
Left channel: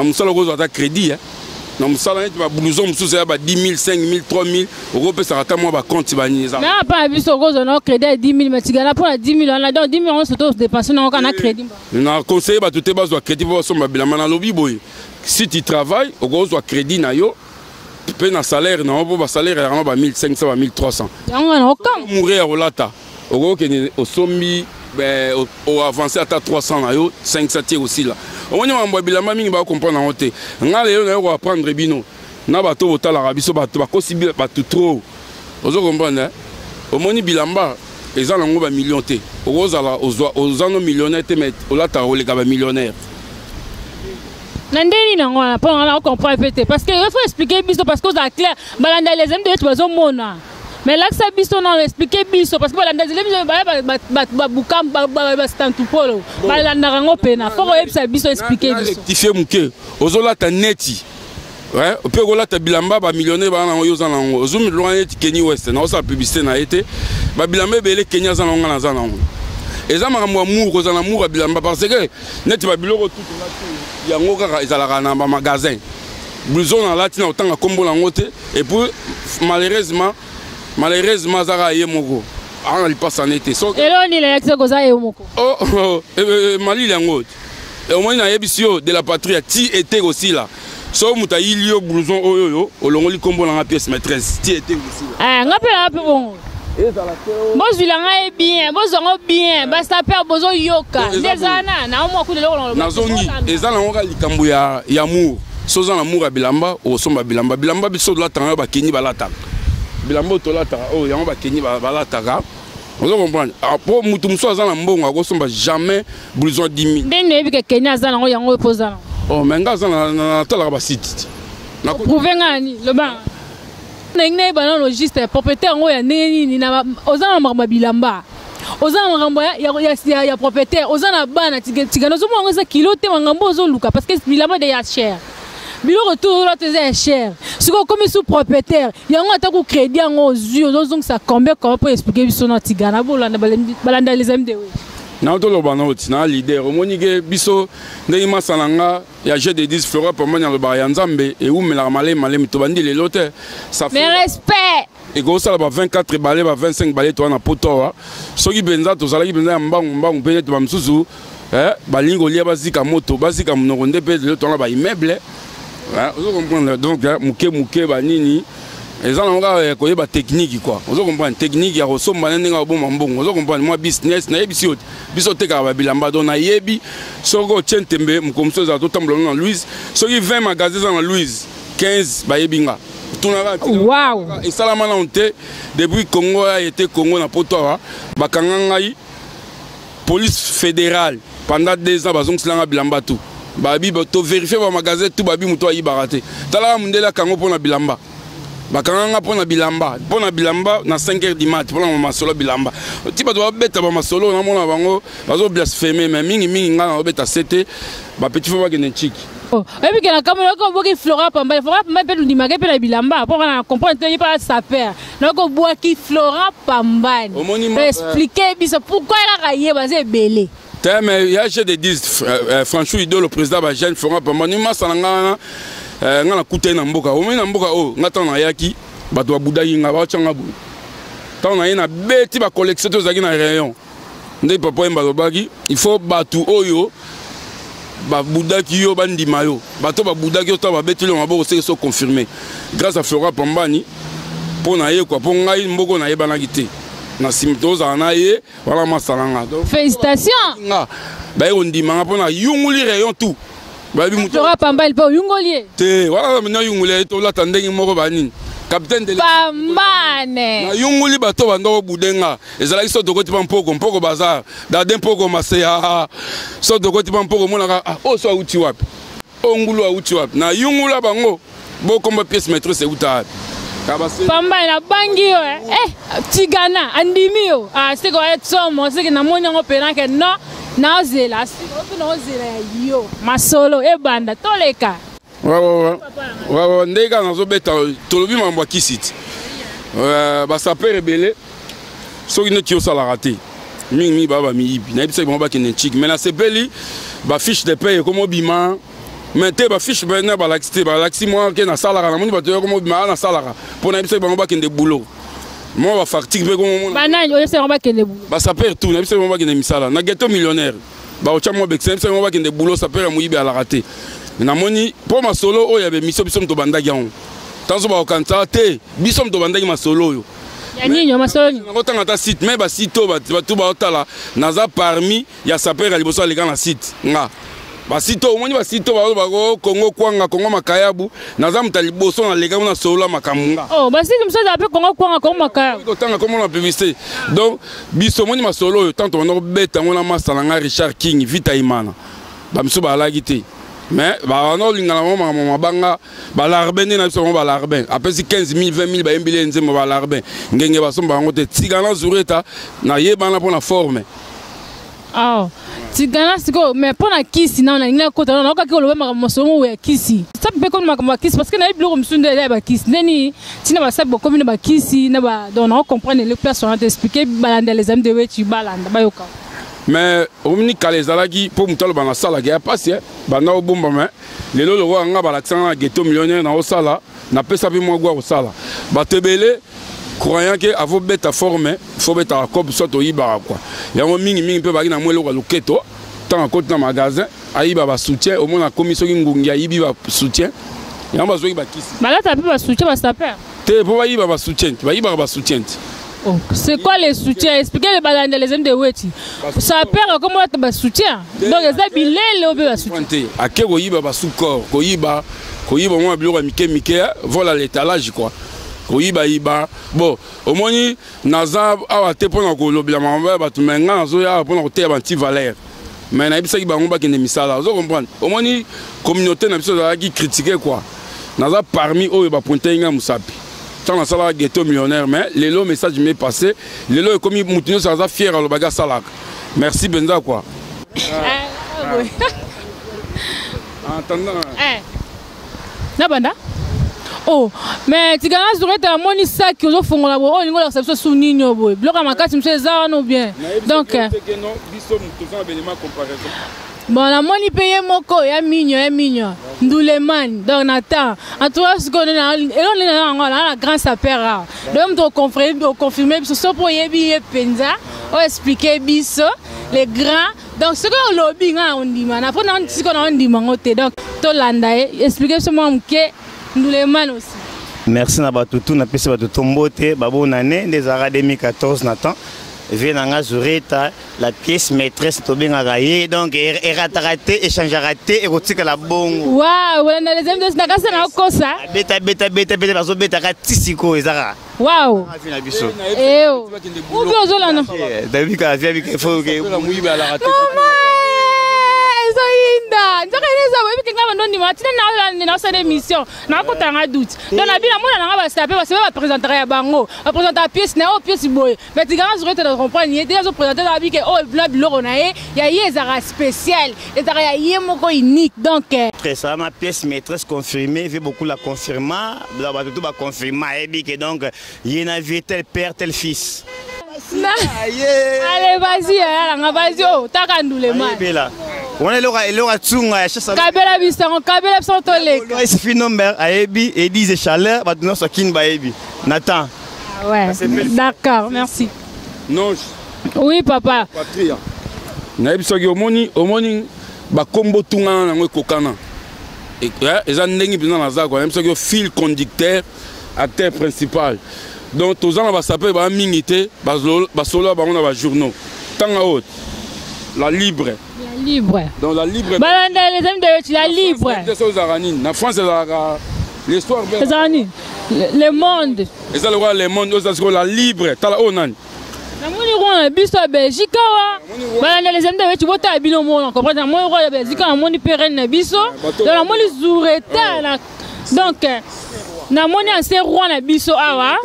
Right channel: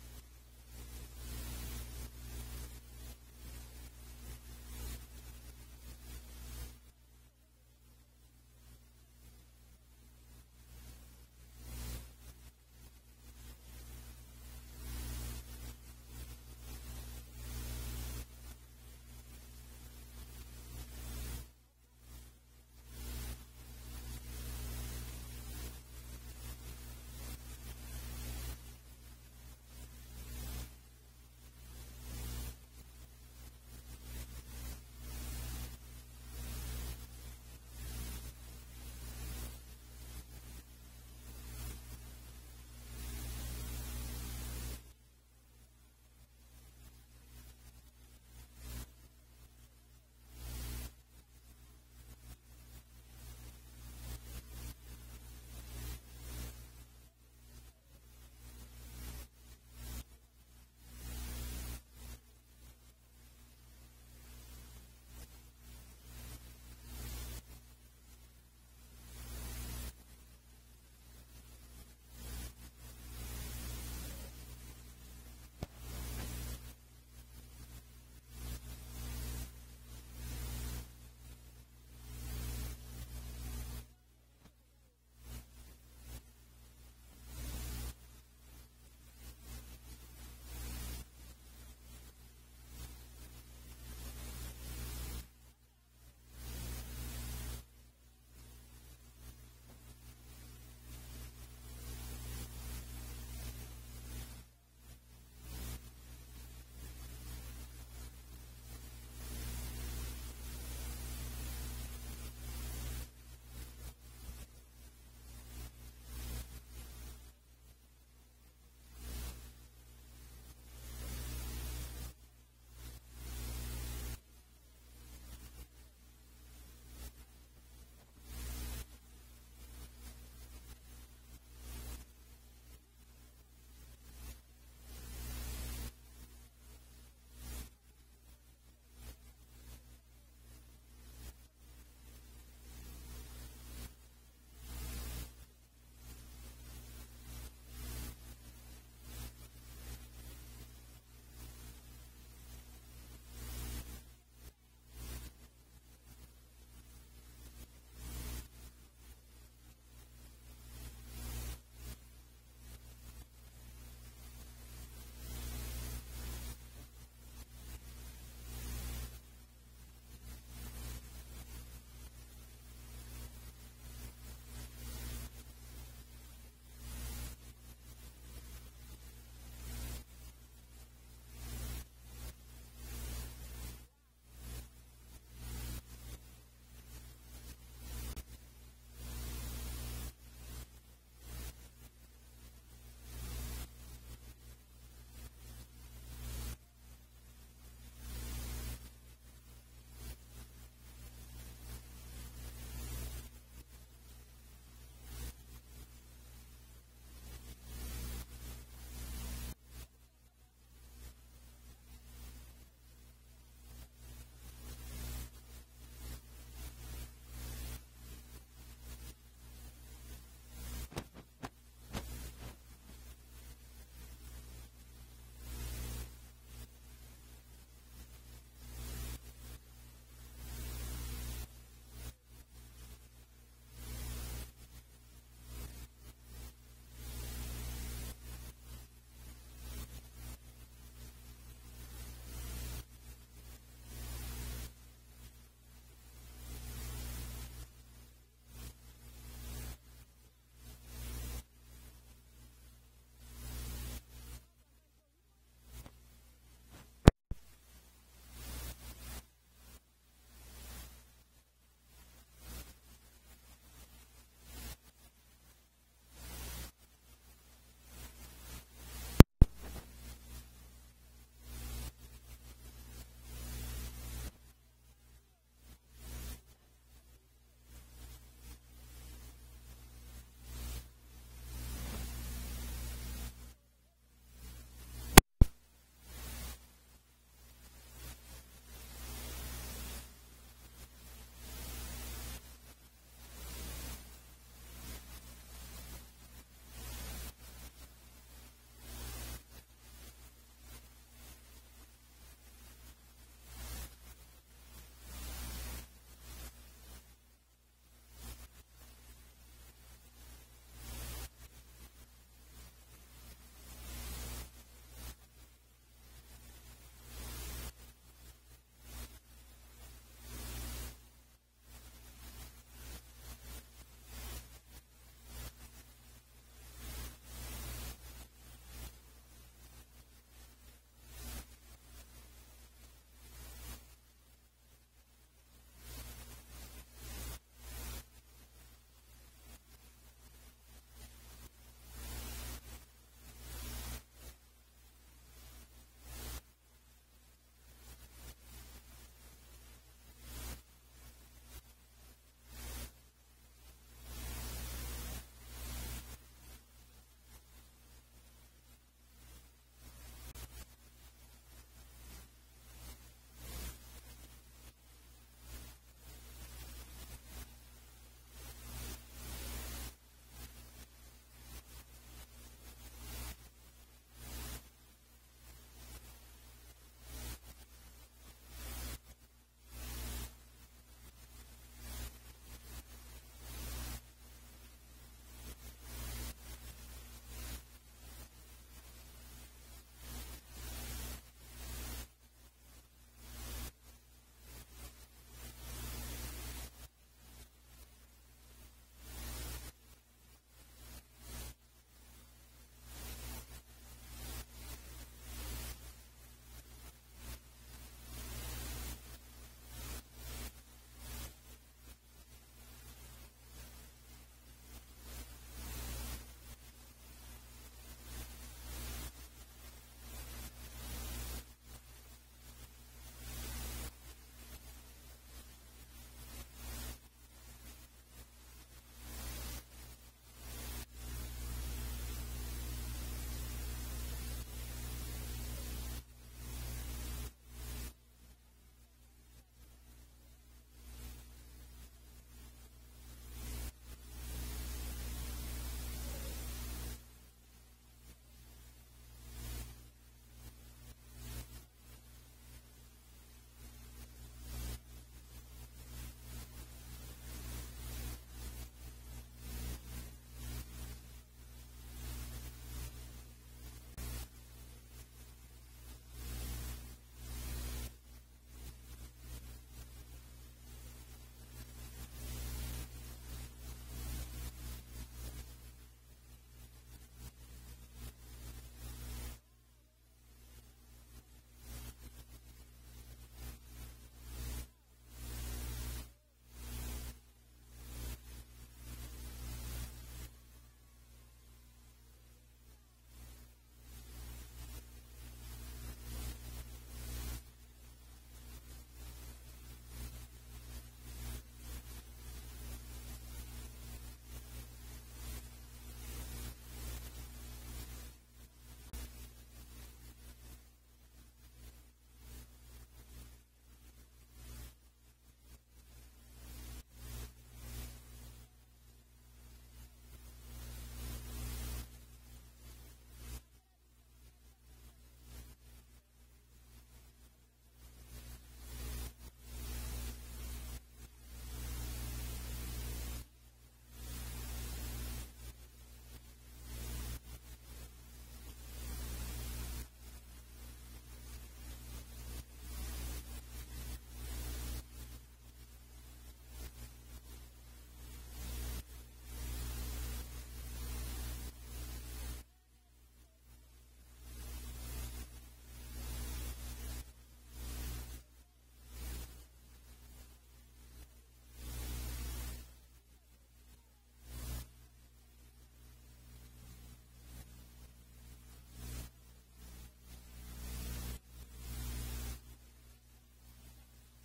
musala ko za crédit na musala net ba blouson mususu ya ba 10 000 5 000 3 000 oko pesa ata mo ba compte ba niza na pas biso ko zo no crédit 10 000 mais tigana pour 10 000 on a donc 10 000 on se doit dépenser na kana crédit na conseiller ba tout ba zo crédit pour somba bilama na lobi boy si tu travailles oko zo crédit na yo pe na salaire na bo ba salaire ya ba 1500 ba 1300 yango na okam mourir rolata oko ke o sombi au avancer à 300 na yo 500 aussi là on y a bilamba mingi ba comprendre en côté ngale yo na ko apprendre bino na bato botala rabiso bato ba kosibi bato trop ozo comprendre au moni bilamba eza nango ba million te ozala ozano millionnaire te mais olata o le ka ba millionnaire nandeni nango na pas on comprendre peut parce que il faut expliquer biso parce que ça clair balanda les amis de bazo mona mais là que ça biso non expliquer biso parce que balanda les amis ba bukam ba stantu polo balanda rango pena faut que biso expliquer biso rectifier muke ozolata neti ouais peut olata bilamba ba millionnaire ba na yo za nango ozumi loin Kenya West na osa publicité na été ba bilamba bele Kenya za nango na za nango eza makambo amour za na amour bilamba parce que neti ba biloko tout là yango kaka ezalaka na ba magasin blouson na latina otanga kombo nango te et puis malheureusement zara ye moko ana lipasse en été so eloni la yakse ko za ye moko mali yango et au moins na yebisio de la patrie ti était aussi là so muta ilio blouson oyo olongoli kombo na pièce maîtresse ti était aussi là ngapela bon bozwila ngai bien bozongo bien basaper bozo yoka ndezana na omo kulelo nazongi ezana ngoka likambo ya amour soza na amour ya bilamba osomba bilamba biso de la tanga ba kenyi balata bilamba to lata o yango ba kenyi balata ka ozo comprendre pour mutu muso azana mbongo akosomba jamais blouson 10 000 ndene ebike kenya azana ngo yango epozana oh menga azana na tala ba site na prouver ngani le ba nenge bana logiste propriétaire ngo ya nini na ozana mama bilamba ozana ngambo ya propriétaire ozana bana tigano zo mo ngo kilo te ngambo zo luka parce que bilamba de ya cher bilo retour là c'est cher si comme sous propriétaire yango atako crédit yango zio donc ça combien pour expliquer biso na tigana bolanda balanda les MDW na to lo bana oti na leader omonike biso ndenge masalanga ya jeu de 10 flora pour moi na ba ya nzambe e umela malé to bandi lelo te ça mais respect et go ça ba 24 balais ba 25 balais to na poto soki benza to zalaki benza mbangu pe to ba msusu balingo lia bazika moto bazika mnoko nde pe lelo to na ba immeuble vous comprenez donc muke banini eza na nga ko yeba technique quoi vous comprenez technique ya resomba ndenge oboma mbongo vous comprenez moi business na yebi biso teka ba bilamba don na yebi soko tchentembe mukomso za to tambola na Louise soki 20 magasins na Louise 15 ba yebinga tunaka wow et salama na onte depuis Congo a été Congo na poto ba kangangai police fédérale pendant 2 ans bazong silanga bilamba tout babi to vérifier ba magasin tout babi muto ayi baraté tala mundela kango pona bilamba bakanga pona bilamba na 5h du mat pona masolo bilamba ti ba doit beta ba masolo na mona bango bazo blasphémer mais mingi nga na beta 7 ba petit faut ba gene chiki et puis que la caméra ko boki Flora Pamba pe du dimage pe na bilamba pour na comprendre te pas sa père na ko boki Flora Pamba expliquer biso pourquoi la rayer basé belé mais il y a des 10 franchement idole le président ba jeune Flora Pamba ni masalanga nga na kuta na mboka o na mboka o ngata na yaki bato ba budaki nga ba changa bu tant na ina beti ba collection to zaki na rayon ndé papa emba lobaki il faut batu oyo ba budaki yo bandima yo bato ba budaki yo to ba beti lo maboko c'est confirmé grâce à Flora Pambani pour na ye quoi pour ngai mboko na ye banaki na simtos na ye wala masalanga donc félicitations nga ba yo ndima pour na yunguli rayon tout Flora Pamba il peut yungolier te wala mena yunguli to la tandenge moko banini capitaine de Pambane na yunguli bato bando budenga ezala iso dokoti mpoko bazar dade mpoko maseya so dokoti mpoko mona o so uti wapi o ngulu uti wapi na yungula bango bokomba pièce maîtresse uta Pamba na bangi yo tigana andimi yo c'est quoi somo c'est que na moni ngo pena que non na zela yo masolo e banda toleka wa ndeka nazo beta tolobi mambo kisiti ba saper rebelle soki ne tio sala raté mingi baba miyibi na ibisa bomba ke nchik mais na sepeli ba fiche de paye comme obima mais te ba fiche bena ba laxi moi ke na sala na moni ba to comme obima na sala pour na ibisa bomba ke de boulot moi va facture pe comme banani o se bomba ke de boulot ba saper tout na ibisa bomba ke de misala na ghetto millionnaire ba o chamo bex ibisa bomba ke de boulot saper muyibi ala raté na moni pour ma solo o ya be miso biso to bandaki yango tanzo ba okanta te biso to bandaki ma solo yo ya ninyo ma solo ngo tanga ta site mais ba site ba tu ba otala naza parmi ya saper ya liboso aleka na site nga ba site o moni ba site ba ko Kongo kwanga Kongo makayabu naza mutali boso na leka na solo makamunga oh ba site mso da pe Kongo kwanga Kongo makayabu ko tanga comme la publicité donc biso moni ma solo yo tanto na beta ngona masala nga Richard King Vita Imana ba miso ba lagite mais bah non lingala mama banga balarbene na biso balarbene après 15 000 20 000 ba embile nzembo balarbene ngenge basomba ngo te tigana zureta na yebana pour la forme ah tigana siko mais pour la kisi na ngina kota na ka ko lobe makamosongo we kisi ça peut comme makamba kisi parce que na biloko msunde ba kisi neni tina ba sabo comme ba kisi na ba donc on comprendre les places on t'expliquer balanda les amis de wetu balanda ba yoka mais omni kalezalaki pour mutalo bana sala ga passe bana obomba mais lelo lo nga balaksana ghetto millionnaire na osala na pesa bi mo gwa osala batebele croyant que avo beta forme faut beta comme soit oyiba quoi yango mingi pe baki na mwelo kwa loketo tant côté na magasin ayiba ba soutien au mona commission ngungi ayibi ba soutien yango bazoki ba kisi balata pe ba soutien ba saper te po bayiba ba soutien ba soutien. Oh, c'est quoi les soutiens? Expliquez les balades les hommes de Weti. Ça perd comment tu vas soutien. Donc les habillés les obéis soutien. À quel koyiba ba soukor, koyiba moi bilo mike voilà l'étalage quoi. Koyiba iba. Bon, au moins naza awa te pona ko lobila mamba ba tu menga nazo ya pona ko te ba anti valeur. Mais na bisa ki ba ngomba ke ne misala, vous comprenez? Au moins communauté na biso za ki critiquer quoi. Naza parmi eux ba pointer nga musapi. Dans la salle ghetto millionnaire, mais les lots message m'est passé. Les lots comme Moutino ça a fier à le bagage salak. Merci Benza quoi. Entendant. Na banda. Oh, mais tu gagnes sur ta moni sac qui ont font la oh ni ngola ça sous ninyo boy. Bloc à ma carte monsieur ça non bien. Donc bon, la moni paye moko ya mignon. Ndouleman, donc Nathan. En tout cas, ce qu'on a, et on a la grande sapera. Donc, on confirmer, ce pour y penza, on expliquer biso, les grands. Donc, ce qu'on lobby, on dit, man, après, on dit, donc, Tolanda, expliquer ce moment que Ndouleman aussi. Merci Nabatutu, na pesi batutu mbote, babo nane, des arts 2014 Nathan. Venanga Zureta, la pièce maîtresse Tobin Agaye, donc raté, échange raté, et rotique la bongo. Waouh, on a les amis de Nagasa na kosa. Beta, bazo beta ratisiko ezara. Waouh. Eh oh. Où que zola non? David ka via il faut que Maman, inda nzaka ineza boyebi kenga bandondi matina na sa émission na ko tanga doute donc na bina mona nga ba sape ba présenter ya bango ba présenter pièce na o pièce boye mais tigana sur te comprendre ni déjà présenter la bi que oh blanc biloko na ye ya yezara spécial ezara ya ye moko unique donc très ça ma pièce maîtresse confirmée veut beaucoup la confirmer ba tout ba confirmer et que donc il y a vu tel père tel fils. Allez vas-y oh takandule man on est là tsunga kabela bisango kabela santoleka il suffit nombre ayebi et disent chaleur ba donner ça kin ba yebi Nathan. Ouais d'accord merci. Non. Oui papa. Patria. Na bisoki omoni ba kombo tungana nango kokana. Et eza ndengi bina na za quoi même soki fil conducteur acteur principal. Donc tous ans va s'appeler ba mingité ba solo ba on a ba journaux. Tanga haute. La libre. La libre. Donc la libre. Balanda les amis de la libre. Na France l'histoire le monde. Et ça le roi le monde c'est la libre. Tala onan. Na moni roi biso Belgique wa. Balanda les amis de tu bota bino mo comprendre moi roi Belgique na moni pérenne na biso. Donc na moni zoureta na donc na moni ancien roi na biso awa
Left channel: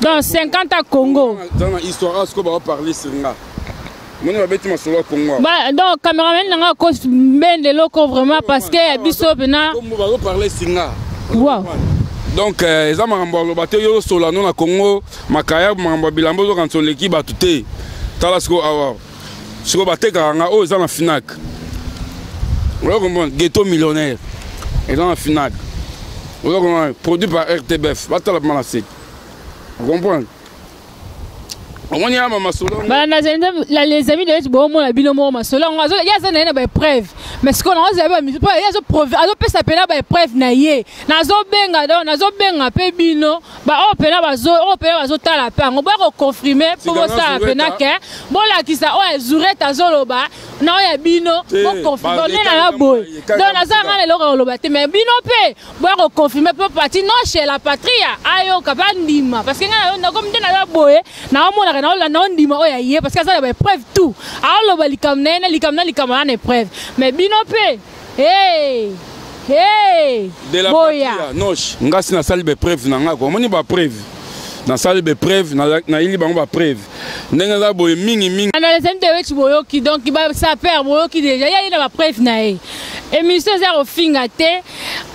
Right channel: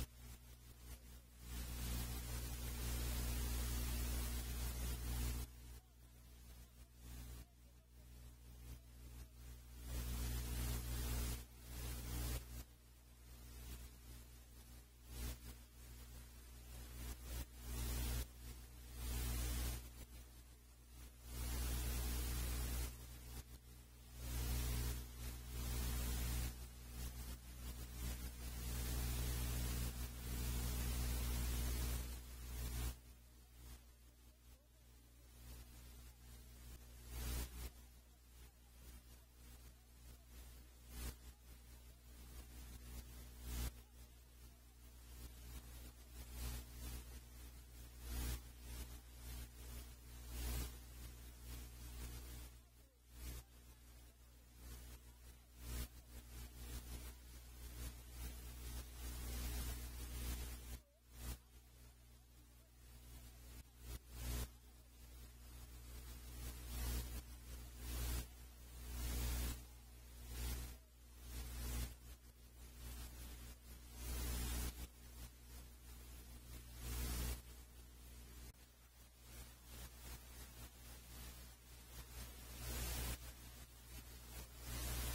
dans 50 à Congo. Dans l'histoire ce qu'on va parler singa. Moni va beti masolo Congo. Bah donc cameraman nga ko bende loko vraiment parce que ya biso pena. Comme on va parler singa. Wow. Donc eza makambo lo bato yo solano na Congo makaya makambo bilambo zo kanso l'équipe batute. Tala siko awa. Siko bateka nga o eza na Finac. On comprend ghetto millionnaire. Et dans la Finac. Produit par RTBF, vous comprenez? Les amis de bon la binomo masolo il y a ça na preuve mais ce qu'on a il y a preuve alors peut s'appeler ba preuve na ye nazo benga pe bino ba opena bazo tala pa on va confirmer pour ça pena que bon la ki ça o zureta zoloba na ya bino pour confirmer na la boy donc naza ngale lo loba te mais bino pe bo confirmer pour partir non chez la patria ayo kabandima parce que na comme na la boy na mona na non ndima o ya ye parce que ça ba preuve tout alors lo likamna na preuve mais bino pe hey de la patria noche ngasi na salle be preuve na ngako moni ba preuve na salle be preuve na ili bango ba preuve ndenga za boye mingi na les amis de wechi boyoki donc ba ça perd boyoki déjà ya ina ba preuve na ye émission za au fingate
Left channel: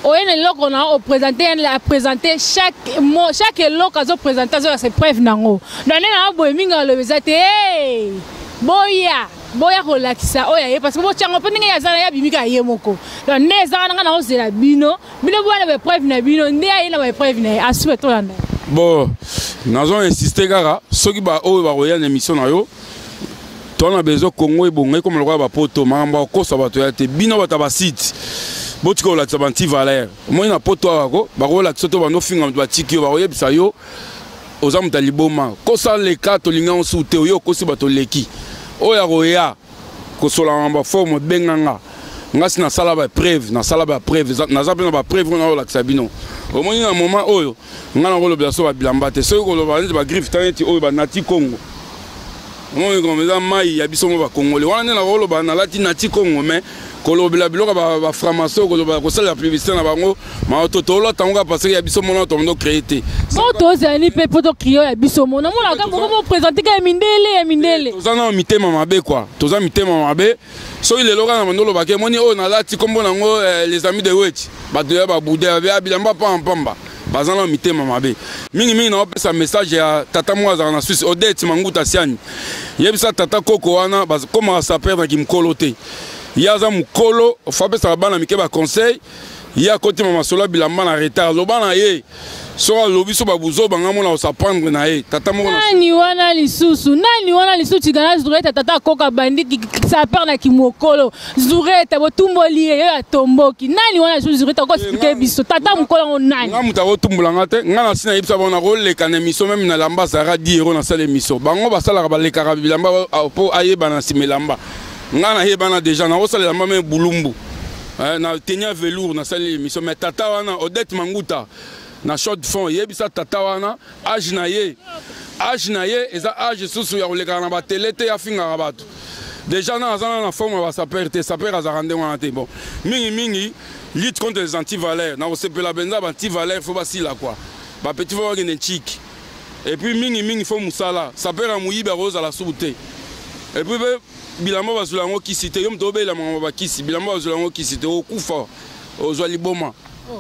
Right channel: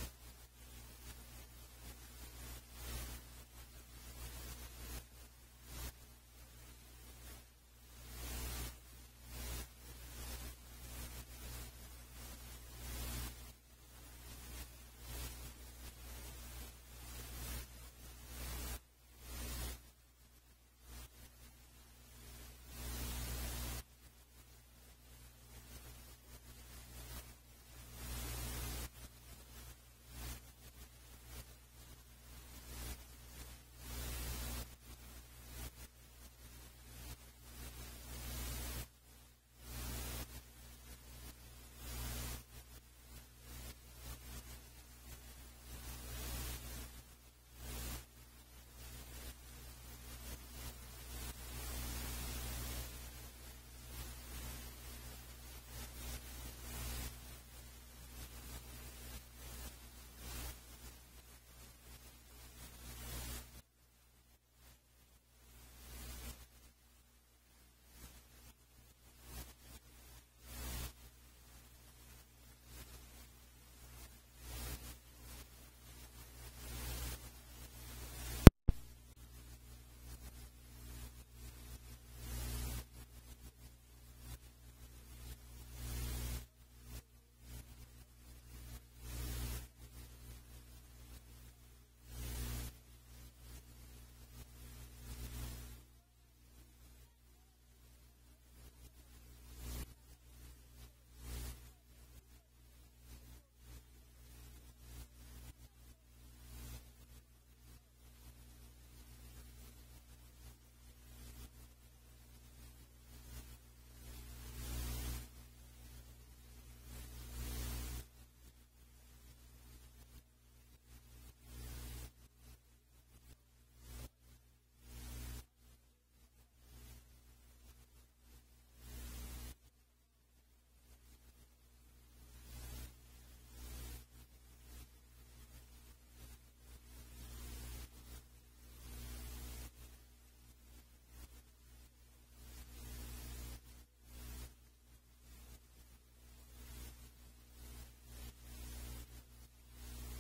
o ene loko na o présenter chaque mot chaque loko zo présenter zo c'est preuve nango donc na boye minga lo bezate hey boya kolakisa oya ye parce que bo tsango pe ninga ya zana ya bimika ye moko donc neza nga na ozela bino bwana be preuve na bino ndi ya ina ba preuve na asu to landa bon nazo insister kaka soki ba oyo ba roya na émission na yo tona bezo Congo ebongai comme le roi ba poto mamba ko sa bato ya te bino bata ba site botiko la tsabanti valeur moi na poto ako ba ko la tsoto ba no finga ba tiki ba roya bisa yo ozamu taliboma ko sa le kato linga on soute yo ko si bato leki oya roya ko sola mamba forme benganga ngasi na sala ba preuve na zape ba preuve na la sabino au moins un moment oyo ngana ko lobela so ba bilamba te so ko loba ba griffe taneti oyo ba nati Congo moi comme ça mai ya biso mo ba Congolais wana na ko loba na lati nati Congo mais ko lobela biloko ba framaso ko loba ko sala publicité na bango ma totolo tango parce que ya biso mo na to ndo créer te moto zani pe poto krio ya biso mo na mo la ka ko présenter ka mindele tozana mitema mabe quoi tozana mitema mabe so il est loga na mandolo ba ke moni o na lati kombo nango les amis de Wech ba de ba boudé ba bilamba pamba bazana mitema mabe mingi na opesa message ya tata mwaza na Suisse Odette Manguta Siani yebisa tata koko wana comme ça perdre ki mkolo te yaza mkolo fapesa bana mike ba conseil ya côté mama sola bilamba na retard lobana ye so lobi so babuzo banga mona o sapandre na ye tata mo nani wana lisusu tigana zureta tata koka bandi ça perd na kimokolo zureta botumboli ye ya tomboki nani wana lisusu zureta ko expliquer biso tata mukolo on nani nga muta botumbulanga te nga na sina yebisa bona ko leka na miso même na lamba sara 10 € na sala miso bango basala ba leka bilamba po ayeba na simelamba nga na yebana déjà na osala lamba même bulumbu na tenia velours na sala miso mais tata wana Odette Manguta na short fond yebisa tata wana age na ye eza age susu ya koleka na ba télé te ya finga bato déjà dans la forme va s'appeler saper à zarande wana te bon mingi lutte contre les antivaleurs na osepela benza ba antivaleurs faut basi là quoi ba petit faut gagner chic et puis mingi faut musala saper à muyiba rose à la souté et puis bilamba bazulango kisite yo mtobe la mama ba kisi bilamba bazulango kisite okufa ozwali boma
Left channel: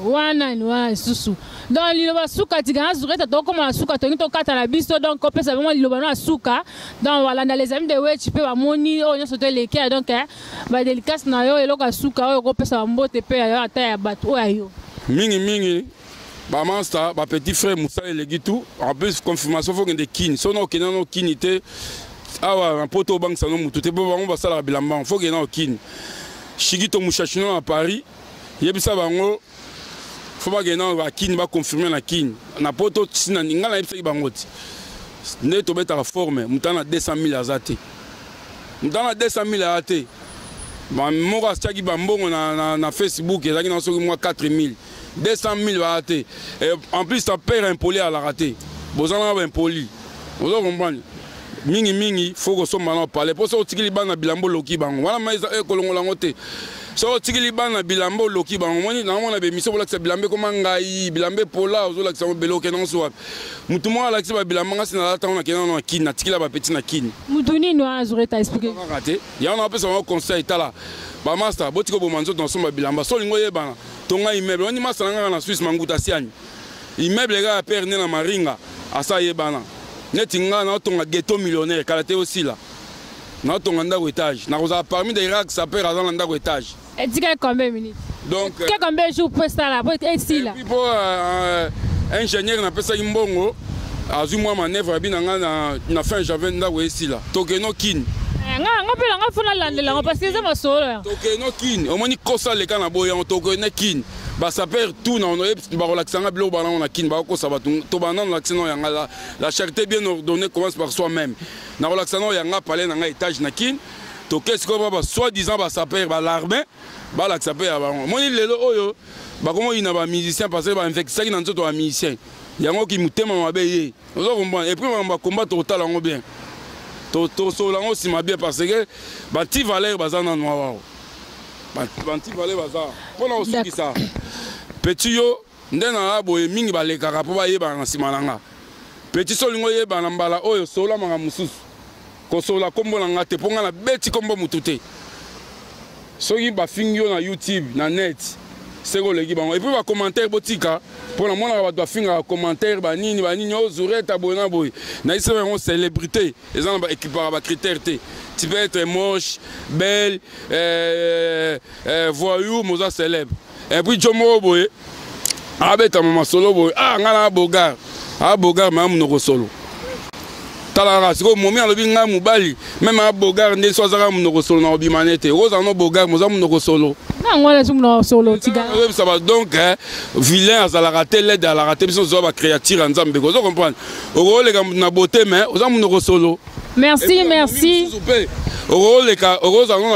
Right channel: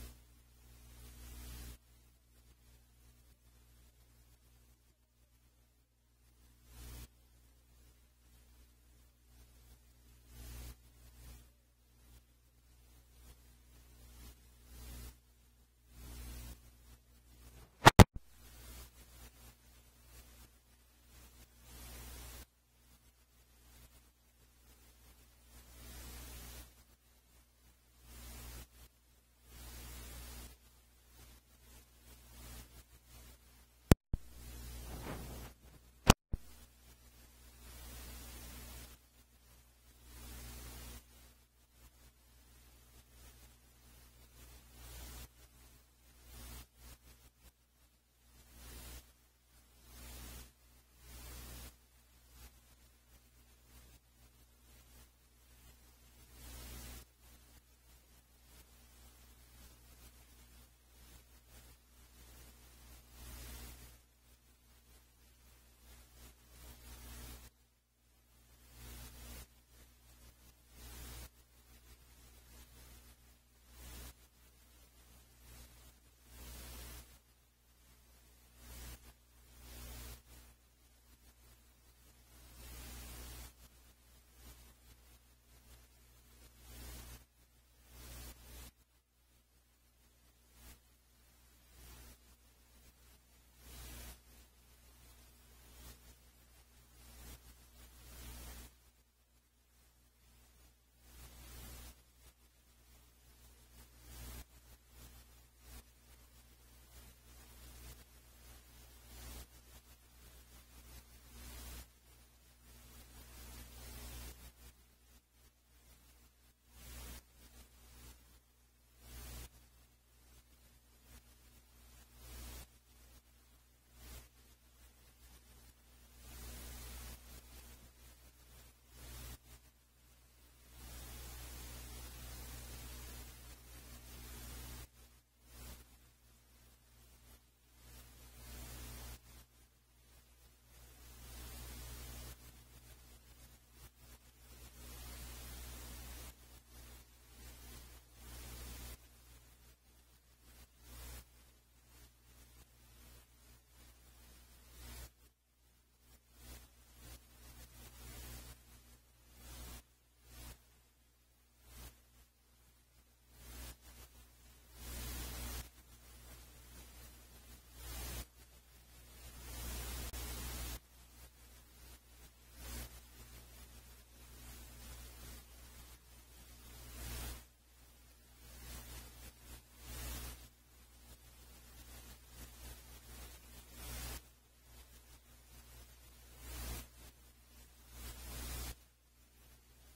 wana ni wana susu donc liloba suka tigana zureta to comme la suka to to kata la biso donc on peut savoir liloba na suka donc voilà dans les amis de wechi pe ba moni o nyoso to leke donc ba délicace na yo eloka suka o ko pesa mbote pe yo ata ya bato ayo mingi ba master ba petit frère Moussa Elegitu en plus confirmation faut que de kin sono kenano kinité awa un poto bank sano mutu te bo bango basala bilamba faut que na kin Shigito Mouchachino à Paris yebisa bango faut pas gagner va kin va confirmer la kin na poto sina ninga na yebisa bangoti ne to beta la forme mutana 200 000 azate mutana 200 000 azate ba moko achaki bambongo na Facebook ezaki na soki moi 4 000 200 000 azate et en plus ta père impoli à la raté bozana ba impoli vous comprenez mingi faut que so mana parler pour ça otikili bana bilambo loki bango wana maiza ekolongola ngote so tikili bana bilambo loki bango moni na mona be miso bolakisa bilambe koma ngai bilambe pola ozolakisa beloke non so mutu mo alakisa ba bilamba ngasi na lata on akena na kini na tikila ba petit na kini mutu nini wa azureta expliquer raté ya on appelle ça un conseil tala ba master botiko bo manzo dans so ba bilamba so lingo yebana tonga immeuble oni master nga na Suisse manguta siani immeuble ga perne na maringa asa yebana netinga na tonga ghetto millionnaire kalate aussi là na tonga ndako étage na roza parmi des racks ça perd dans ndako étage et dis combien de minutes donc combien de jours pour ça là pour être ici là pour ingénieur na pesa imbongo azu moi manœuvre binanga na fin janvier ndako ici là tokeno kin nga pela nga fona landela parce que c'est ma solo tokeno kin au moni kosa le kana boya tokeno kin ba ça perd tout na on ba relaxanga bilo ba na kin ba ko ça ba to ba na relaxano yanga la charité bien ordonnée commence par soi-même na relaxano yanga palais na étage na kin to qu'est-ce que ba soi-disant ba ça perd ba l'armée ba la ça perd ba moni lelo oyo ba komo ina ba musicien parce que ba infecté na nzoto ba musicien yango ki mutema mabe ye ozo comprendre et puis ba combat total ngo bien to solango sima bien parce que ba ti valeur bazana noa ba ti valeur bazana pona osuki ça petit yo ndena aboye mingi balekaka po bayeba na sima nanga petit solingo yeba na mbala oyo sola manga mususu ko sola kombo na ngate ponga na beti kombo mutute soki ba fingyo na YouTube na net seko leki bango et puis ba commentaire botika pour la mona ba doit finga commentaire ba nini ozureta bona boy na isa ba célébrité les gens ba équipera ba critère te tu peux être moche belle voyou moza célèbre et puis jomo boy abeta mama solo boy ngana bogar bogar ma munoko solo talara siko momi alobi nga mubali même bogar nde swazaka munoko solo na obimanete roza no bogar moza munoko solo ngwana sumno solo tigana ça va donc vilain à la rater l'aide à la rater biso zo ba créature en Zambie vous comprenez o le na beauté mais oza munoko solo merci na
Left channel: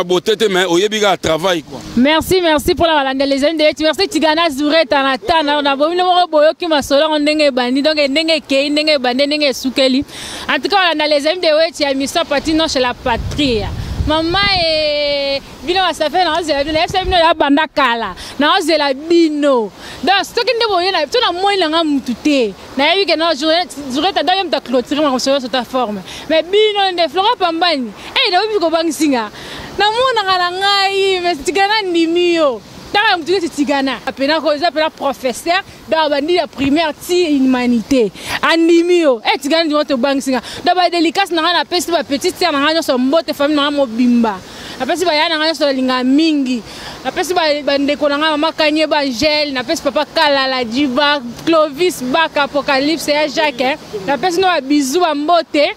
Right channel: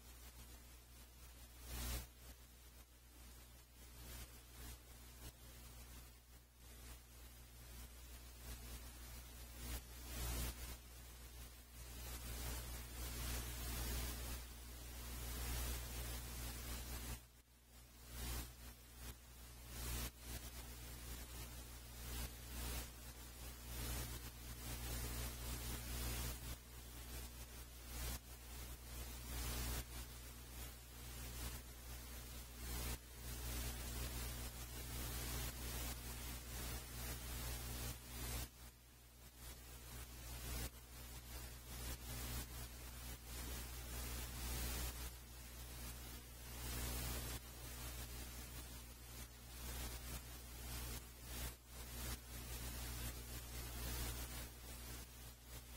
beauté mais oyebiga travail quoi merci pour la valande les amis de merci tigana zureta na tana na bomino mo boyo ki masolo ndenge bandi donc ndenge ke ndenge bande ndenge sukeli en tout cas dans les amis de wechi ya mission patino chez la patrie maman et bino ça fait na zela bino ça bino ya banda kala na zela bino donc ce qui ndebo yena to na moi nga mutute na yebi ke na zureta dans ta clôture ma sur ta forme mais bino nde Flora Pambani na obi ko bangisinga na mona ngala ngai mais tigana ndimio tala mtuke tigana apena ko za pela professeur da bandi ya primaire ti humanité andimio tigana ndi moto bangisinga da ba délicace na na pesi ba petite sœur na nganyo so mbote famille na mobimba na pesi ba yana nganyo so linga mingi na pesi ba ndeko na mama kanye ba Angel na pesi papa Kalala Diba Clovis Bak Apocalypse ya Jacques na pesi no bisou ba mbote.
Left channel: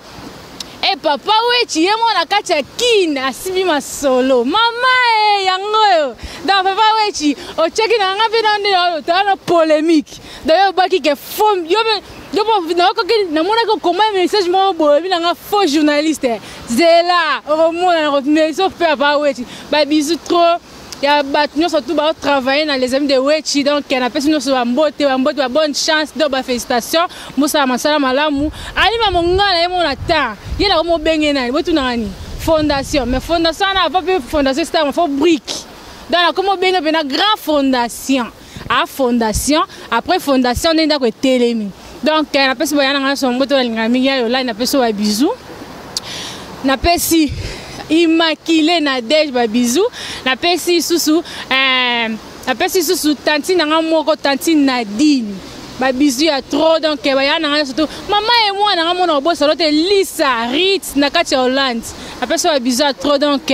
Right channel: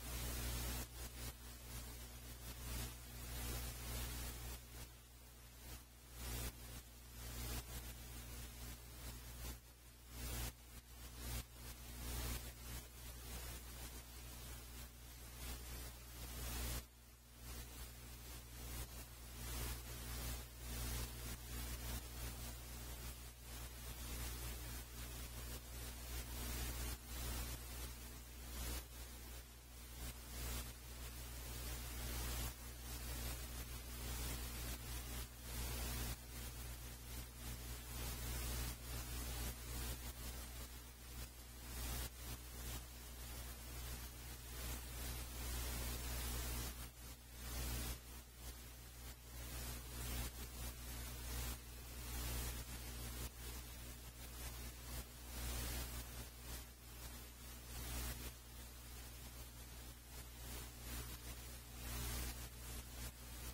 Et papa wechi yemo na kati ya kina asibi masolo mama yango da papa wechi o cheki na nga vina ndelo tana polémique d'ailleurs baki ke fond yo na ko na mona ko comment message mo bo vina nga faux journaliste zela o mona na mais so papa wechi ba bisou trop ya batnyo surtout ba travailler dans les amis de wechi donc on appelle nous sur mbote ba bonne chance do ba félicitations musa masala malamu ali ma mongala yemo na ta yela ko mo benge nani botu nani fondation mais fondation na pas fondation c'est un faux brique donc comme bien une grande fondation à fondation après fondation on est d'accord télémi donc na pesi bayana nga sombo to linga mingi yo là na pesi wa bisou na pesi immaculé na dej ba bisou na pesi susu tanti na nga moko tanti Nadine ba bisou ya trop donc bayana nga surtout maman et moi na nga mona bossa lote Lisa Ritz na kati Hollande na pesi wa bisou trop donc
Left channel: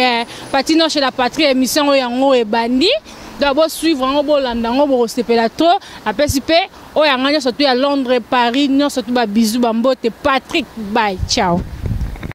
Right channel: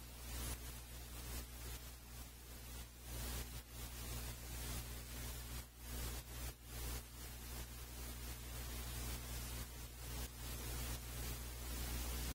patino chez la patrie émission yango e bandi d'abord suivre en bolanda ngo sepela trop après sipe o yanga surtout à Londres Paris non surtout ba bisou ba mbote Patrick bye ciao.